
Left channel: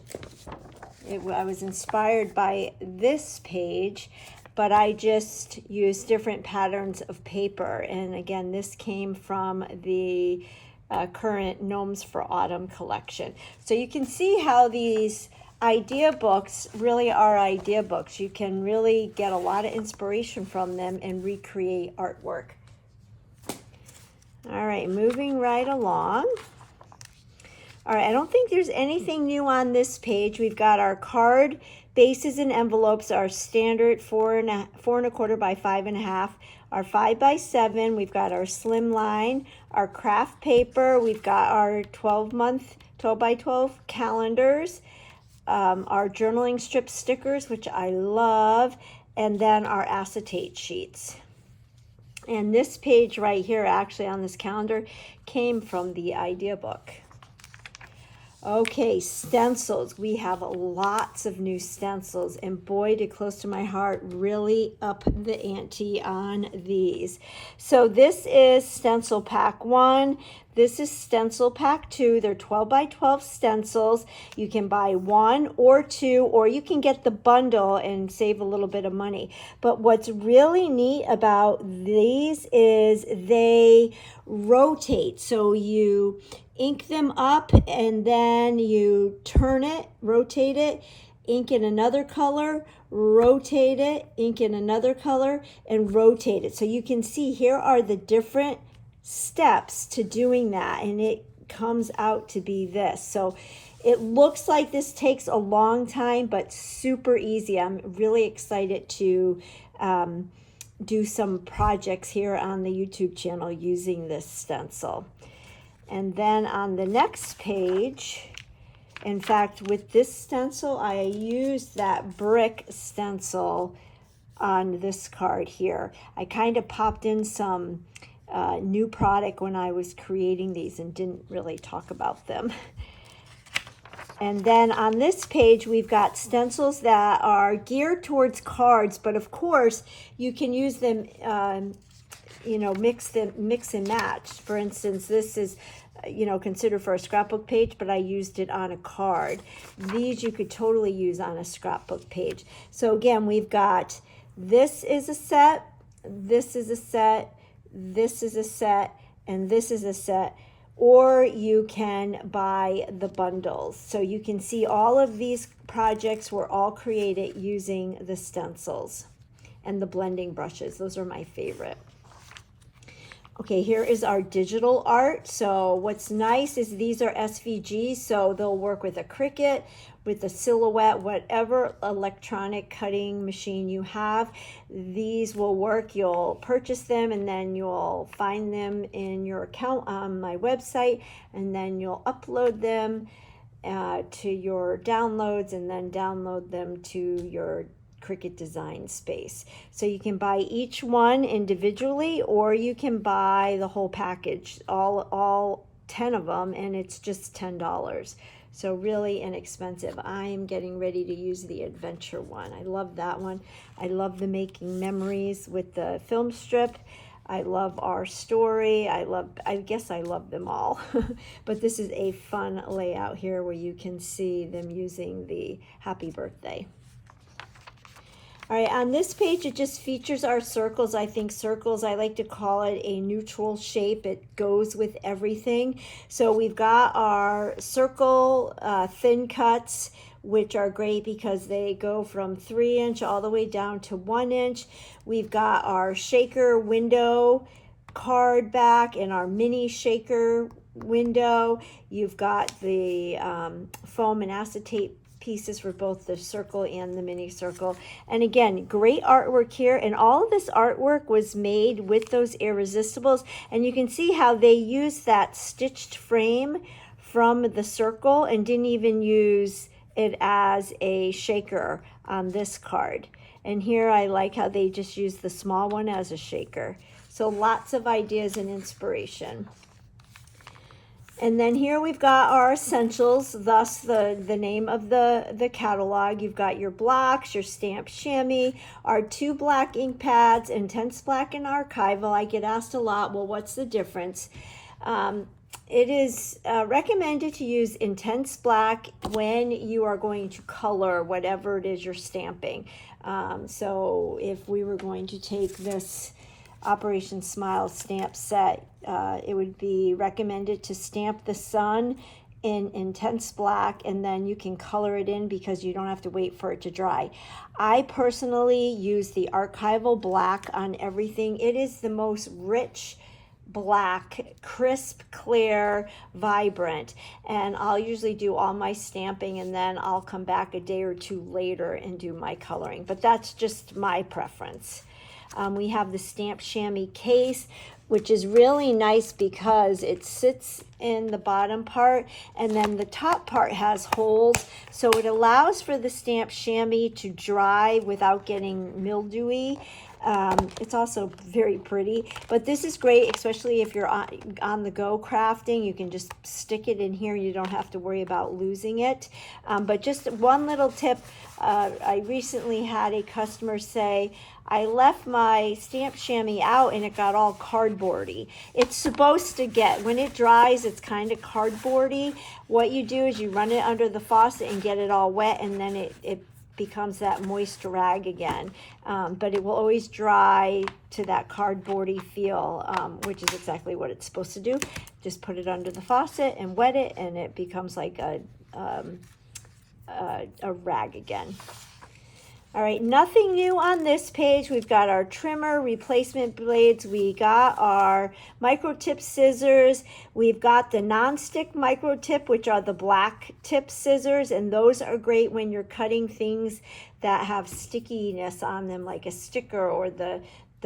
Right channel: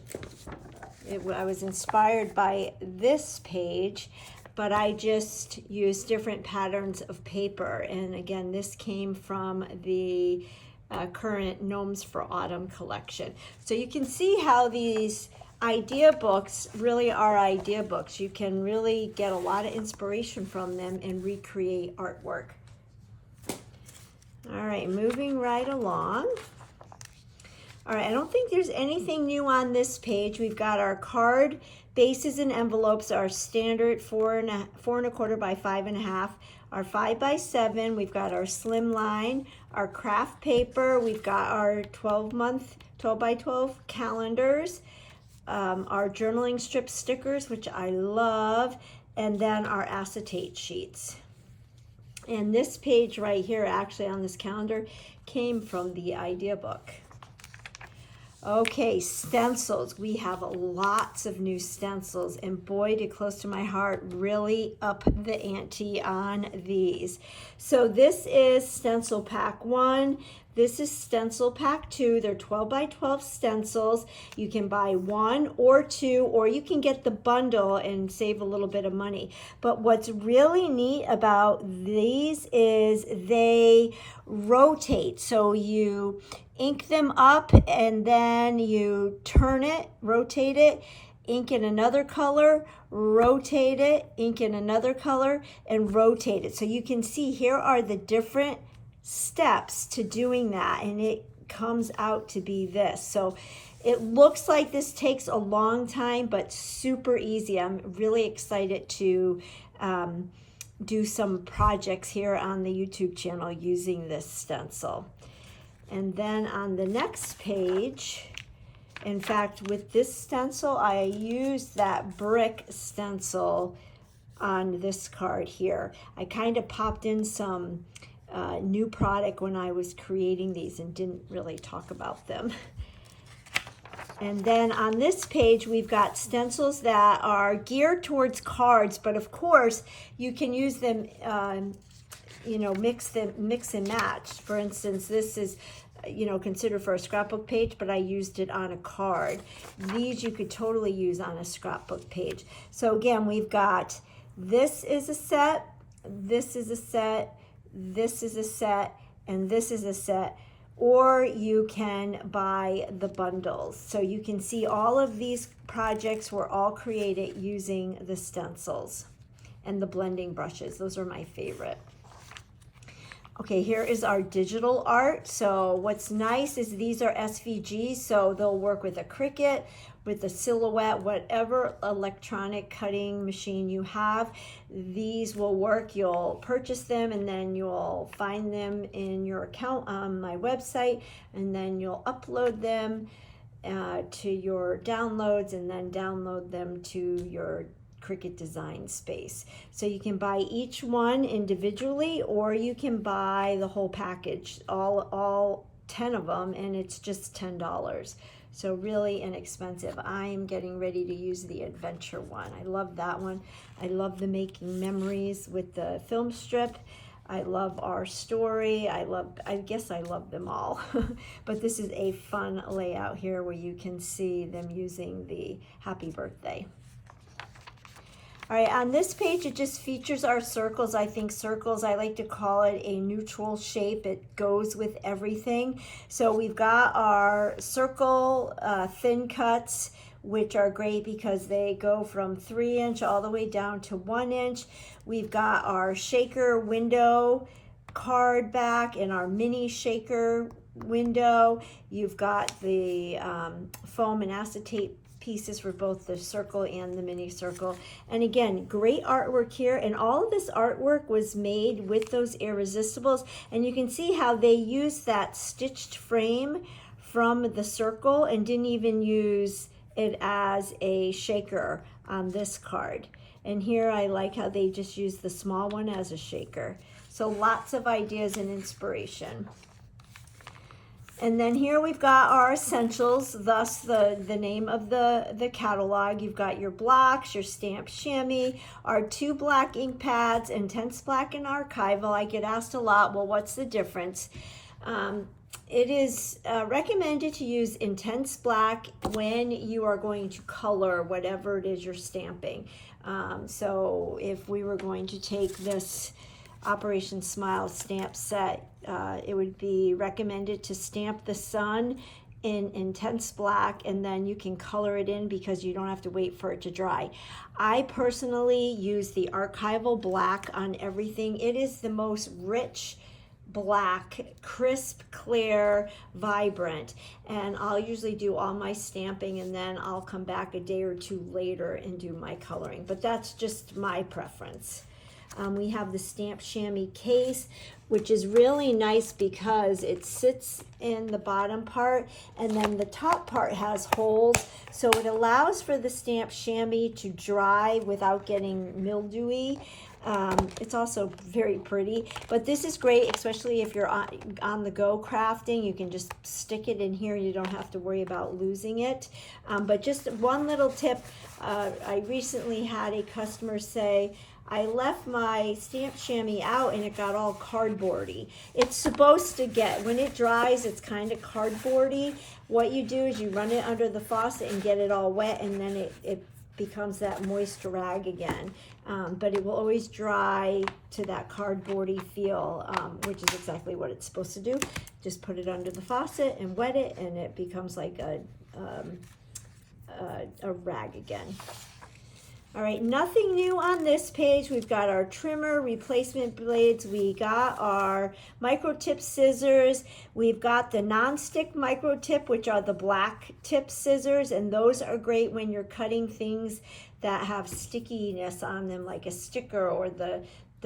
I was inspired by this page, but I just used different patterns of paper. And again, this came from the current Gnomes for Autumn collection. So you can see how these idea books really are idea books. You can really get a lot of inspiration from them and recreate artwork. All right, moving right along. All right, I don't think there's anything new on this page. We've got our card bases and envelopes, our standard 4¼ by 5½, our 5 by 7. We've got our slimline, our craft paper. We've got our 12 by 12 calendars, our journaling strip stickers, which I love, and then our acetate sheets. And this page right here, actually on this calendar, came from the idea book. Okay, stencils. We have lots of new stencils, and boy, did Close to My Heart really up the ante on these. So this is stencil pack 1. This is stencil pack 2. They're 12 by 12 stencils. You can buy 1 or 2, or you can get the bundle and save a little bit of money. But what's really neat about these is they rotate. So you ink them up and then you turn it, rotate it, ink in another color, rotate it, ink in another color, and rotate it. So you can see here are the different steps to doing that, and it comes out to be this. So it looks like this takes a long time, but super easy. I'm really excited to do some projects here on the YouTube channel using this stencil. And then on the next page, in fact, with this stencil, I used that brick stencil on this card here. I kind of popped in some new product when I was creating these and didn't really talk about them. And then on this page, we've got stencils that are geared towards cards, but of course, you can use them, you know, mix and match. For instance, this is, you know, considered for a scrapbook page, but I used it on a card. These you could totally use on a scrapbook page. So again, we've got, this is a set, this is a set, this is a set, and this is a set. Or you can buy the bundles. So you can see all of these projects were all created using the stencils and the blending brushes. Those are my favorite. Okay, here is our digital art. So what's nice is these are SVGs, so they'll work with a Cricut, with a Silhouette, whatever electronic cutting machine you have. These will work. You'll purchase them and then you'll find them in your account on my website, and then you'll upload them to your downloads and then download them to your Cricut design space. So you can buy each one individually, or you can buy the whole package, all 10 of them, and it's just $10. So really inexpensive. I'm getting ready to use the adventure one. I love that one. I love the making memories with the film strip. I love our story. I guess I love them all. But this is a fun layout here where you can see them using the happy birthday. All right, on this page, it just features our circles. I think circles, I like to call it a neutral shape. It goes with everything. So we've got our circle thin cuts, which are great because they go from 3-inch all the way down to 1-inch. We've got our shaker window card back and our mini shaker window. You've got the foam and acetate pieces for both the circle and the mini circle. And again, great artwork here, and all of this artwork was made with those Irresistibles, and you can see how they used that stitched frame from the circle and didn't even use it as a shaker on this card. And here I like how they just used the small one as a shaker. So lots of ideas and inspiration. And then here we've got our essentials, thus the name of the catalog. You've got your blocks, your stamped chamois, our 2 black ink pads, Intense Black and Archival. I get asked a lot, well, what's the difference? It is recommended to use Intense Black when you are going to color whatever it is you're stamping. So if we were going to take this Operation Smile stamp set, it would be recommended to stamp the sun in Intense Black, and then you can color it in because you don't have to wait for it to dry. I personally use the Archival Black on everything. It is the most rich black, crisp, clear, vibrant, and I'll usually do all my stamping and then I'll come back a day or two later and do my coloring, but that's just my preference. We have the stamp chamois case, which is really nice because it sits in the bottom part and then the top part has holes. So it allows for the stamp chamois to dry without getting mildewy. It's also very pretty, but this is great, especially if you're on the go crafting. You can just stick it in here. You don't have to worry about losing it. But just one little tip, I recently had a customer say, I left my stamp chamois out and it got all cardboardy. It's supposed to get, when it dries, it's kind of cardboardy. What you do is you run it under the faucet and get it all wet, and then it becomes that moist rag again. But it will always dry to that cardboardy feel, which is exactly what it's supposed to do. Just put it under the faucet and wet it, and it becomes like a rag again. All right, nothing new on this page. We've got our trimmer, replacement blades. We got our micro tip scissors. We've got the non-stick micro tip, which are the black tip scissors, and those are great when you're cutting things that have stickiness on them, like a sticker or the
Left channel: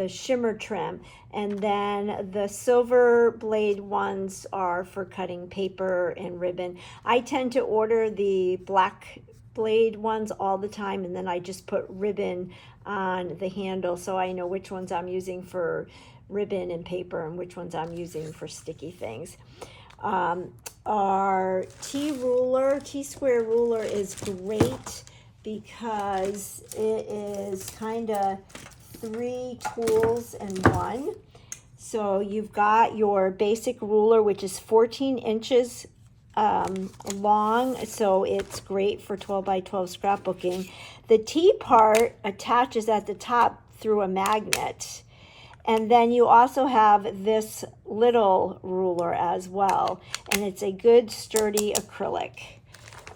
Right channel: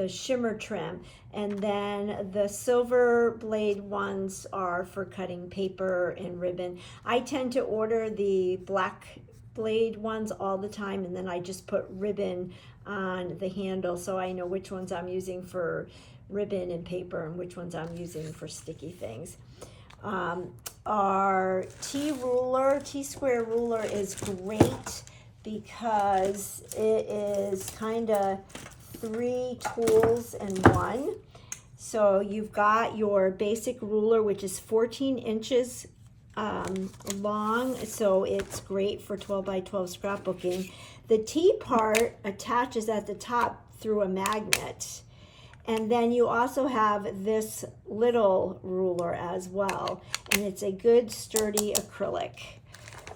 shimmer trim. And then the silver blade ones are for cutting paper and ribbon. I tend to order the black blade ones all the time, and then I just put ribbon on the handle so I know which ones I'm using for ribbon and paper and which ones I'm using for sticky things. Our T-square ruler is great because it is kind of 3 tools in one. So you've got your basic ruler, which is 14 inches long, so it's great for 12 by 12 scrapbooking. The T part attaches at the top through a magnet, and then you also have this little ruler as well, and it's a good sturdy acrylic.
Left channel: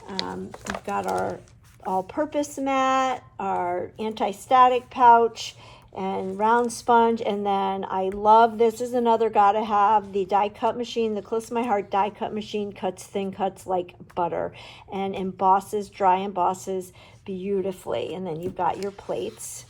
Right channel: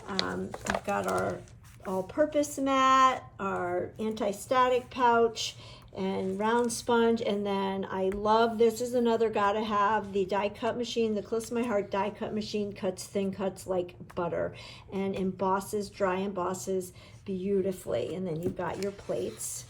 We've got our all-purpose mat, our anti-static pouch, and round sponge. And then I love, this is another gotta have, the die cut machine. The Close to My Heart die cut machine cuts thin cuts like butter and embosses, dry embosses beautifully. And then you've got your plates.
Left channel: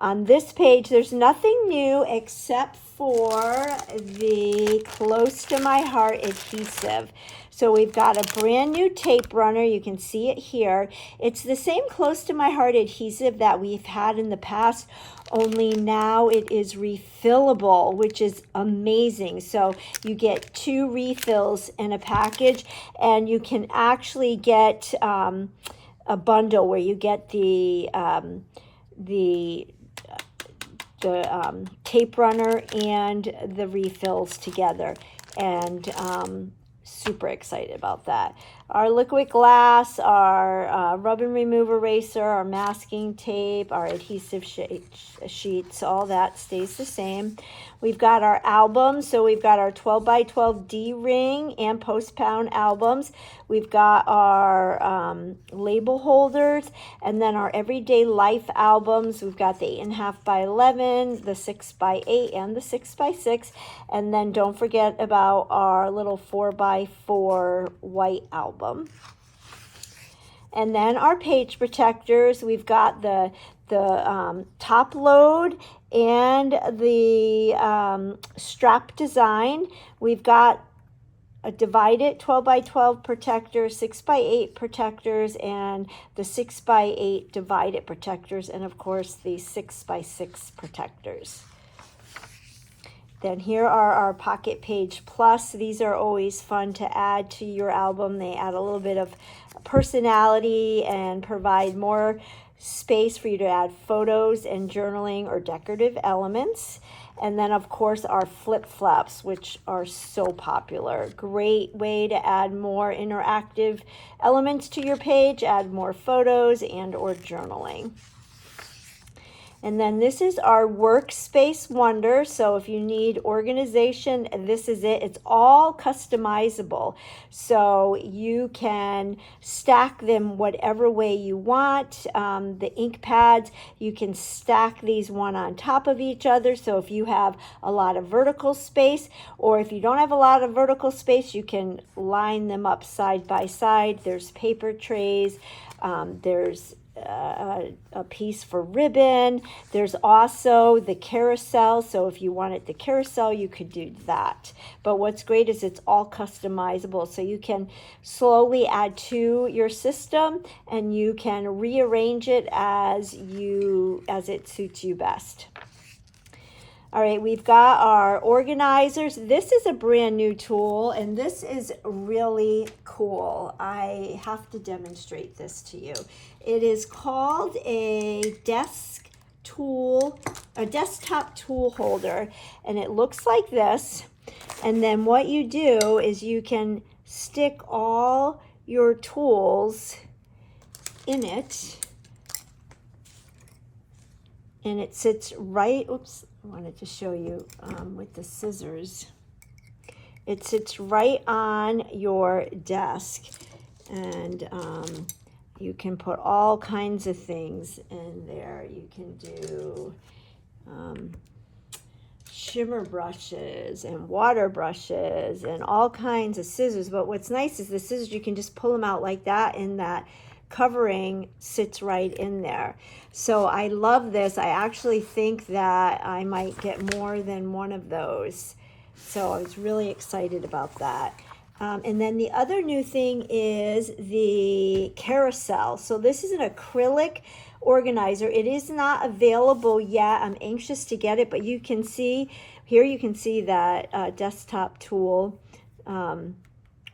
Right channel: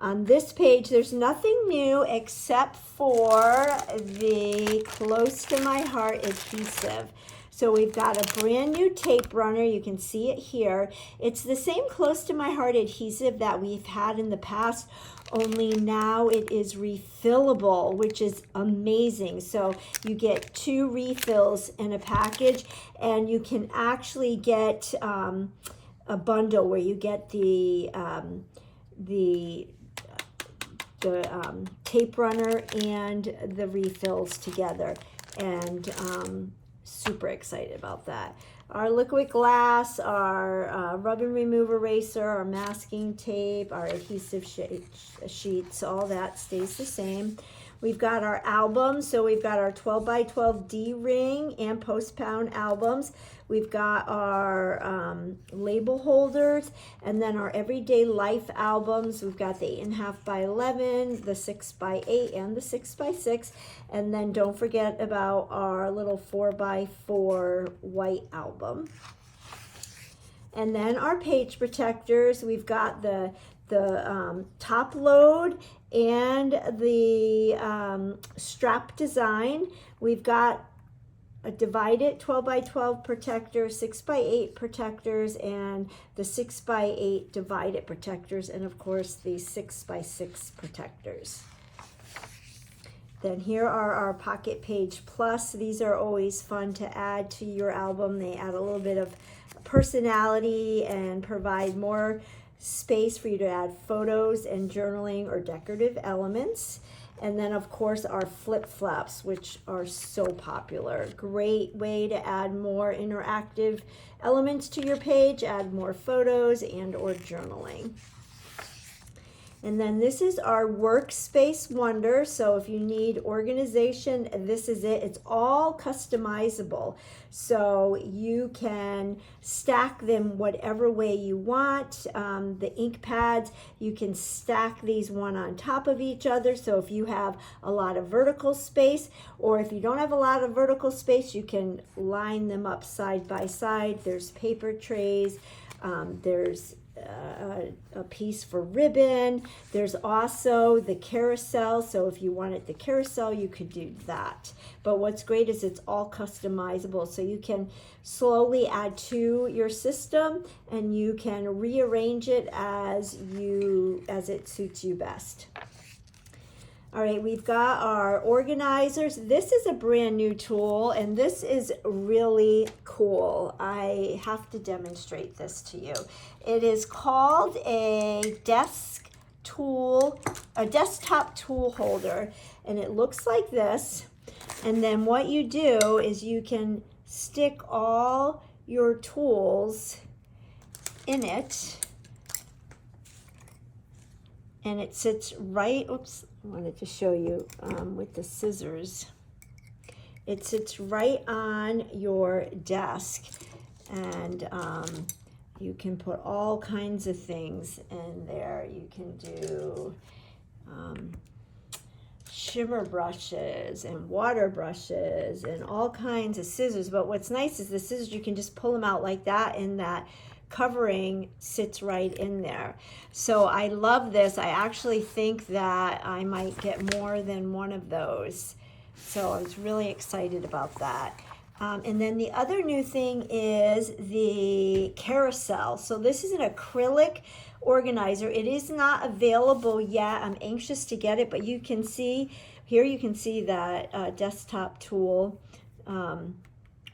On this page, there's nothing new except for the Close to My Heart adhesive. So we've got a brand new tape runner. You can see it here. It's the same Close to My Heart adhesive that we've had in the past, only now it is refillable, which is amazing. So you get 2 refills in a package, and you can actually get a bundle where you get the tape runner and the refills together, and super excited about that. Our liquid glass, our rub and remove eraser, our masking tape, our adhesive sheets, all that stays the same. We've got our albums, so we've got our 12 by 12 D-ring and post-pound albums. We've got our label holders, and then our everyday life albums. We've got the 8.5 by 11, the 6 by 8, and the 6 by 6. And then don't forget about our little 4 by 4 white album. And then our page protectors. We've got the top load and the strap design. We've got a divided 12 by 12 protector, 6 by 8 protectors, and the 6 by 8 divided protectors, and of course the 6 by 6 protectors. Then here are our Pocket Page Plus. These are always fun to add to your album. They add a little bit of personality and provide more space for you to add photos and journaling or decorative elements. And then of course our flip flaps, which are so popular. Great way to add more interactive elements to your page, add more photos and or journaling. And then this is our Workspace Wonder. So if you need organization, this is it. It's all customizable. So you can stack them whatever way you want. The ink pads, you can stack these one on top of each other. So if you have a lot of vertical space, or if you don't have a lot of vertical space, you can line them up side by side. There's paper trays. There's a piece for ribbon. There's also the carousel, so if you wanted the carousel, you could do that. But what's great is it's all customizable, so you can slowly add to your system and you can rearrange it as it suits you best. All right, we've got our organizers. This is a brand new tool, and this is really cool. I have to demonstrate this to you. It is called a desktop tool holder, and it looks like this. And then what you do is you can stick all your tools in it, and it sits right, oops, I wanted to show you with the scissors. It sits right on your desk, and you can put all kinds of things in there. You can do shimmer brushes and water brushes and all kinds of scissors. But what's nice is the scissors, you can just pull them out like that, and that covering sits right in there. So I love this. I actually think that I might get more than one of those. So I was really excited about that. And then the other new thing is the carousel. So this is an acrylic organizer. It is not available yet. I'm anxious to get it, but you can see here, you can see that desktop tool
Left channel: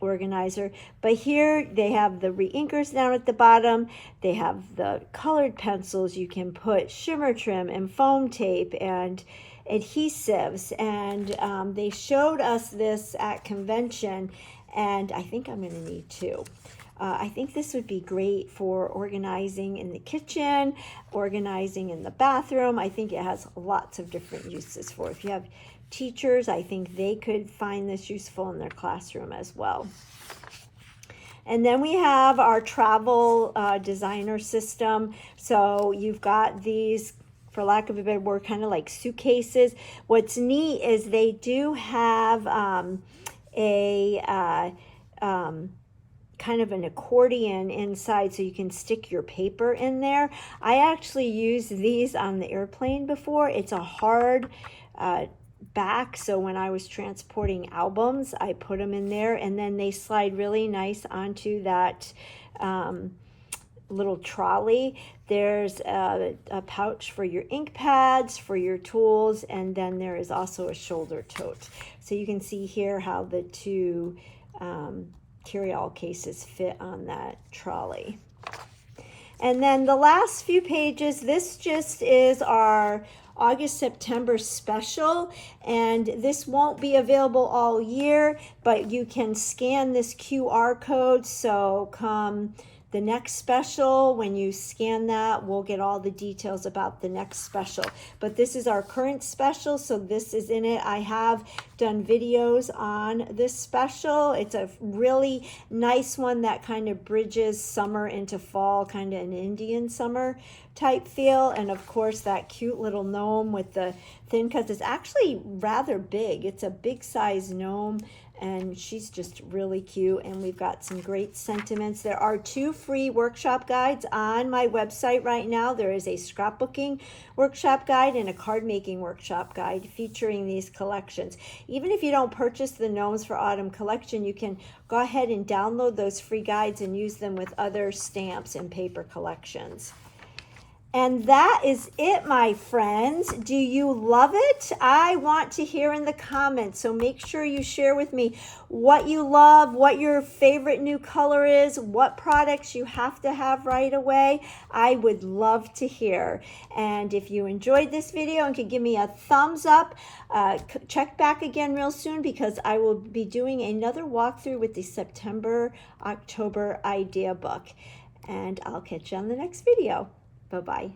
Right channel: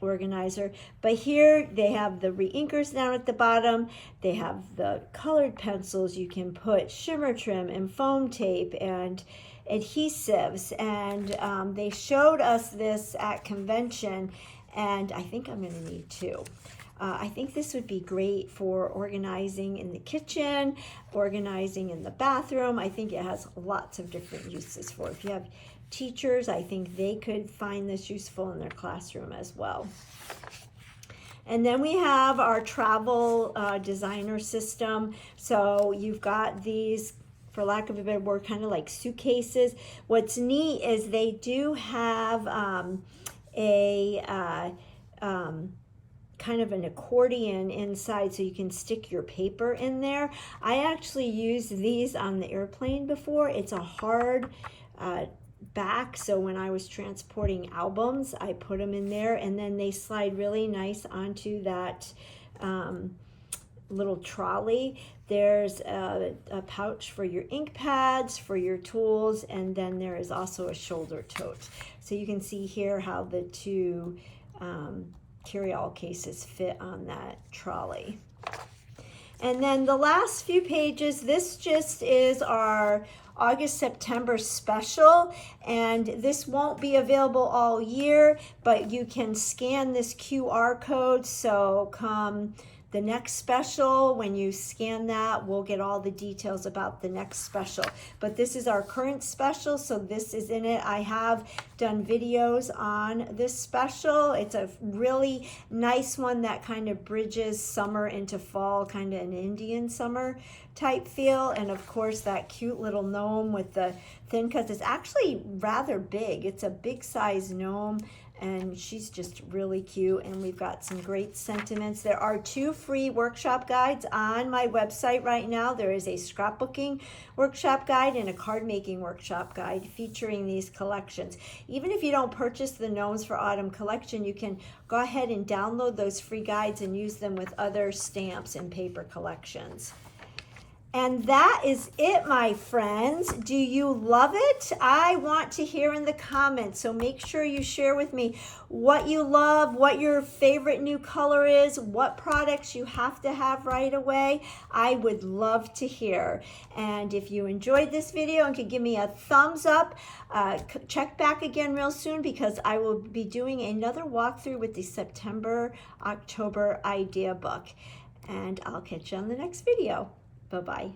organizer. But here they have the re-inkers down at the bottom. They have the colored pencils. You can put shimmer trim and foam tape and adhesives. And they showed us this at convention, and I think I'm going to need two. I think this would be great for organizing in the kitchen, organizing in the bathroom. I think it has lots of different uses for it. If you have teachers, I think they could find this useful in their classroom as well. And then we have our travel designer system. So you've got these, for lack of a better word, kind of like suitcases. What's neat is they do have kind of an accordion inside, so you can stick your paper in there. I actually used these on the airplane before. It's a hard back, so when I was transporting albums, I put them in there, and then they slide really nice onto that little trolley. There's a pouch for your ink pads, for your tools, and then there is also a shoulder tote. So you can see here how the two carry-all cases fit on that trolley. And then the last few pages, this just is our August-September special, and this won't be available all year, but you can scan this QR code, so come the next special, when you scan that, we'll get all the details about the next special. But this is our current special, so this is in it. I have done videos on this special. It's a really nice one that kind of bridges summer into fall, kind of an Indian summer type feel. And of course that cute little gnome with the thin cuts is actually rather big. It's a big size gnome, and she's just really cute. And we've got some great sentiments. There are 2 free workshop guides on my website right now. There is a scrapbooking workshop guide and a card making workshop guide featuring these collections. Even if you don't purchase the Gnomes for Autumn collection, you can go ahead and download those free guides and use them with other stamps and paper collections. And that is it, my friends. Do you love it? I want to hear in the comments, so make sure you share with me what you love, what your favorite new color is, what products you have to have right away. I would love to hear. And if you enjoyed this video and could give me a thumbs up, check back again real soon, because I will be doing another walkthrough with the September-October idea book. And I'll catch you on the next video. Bye-bye.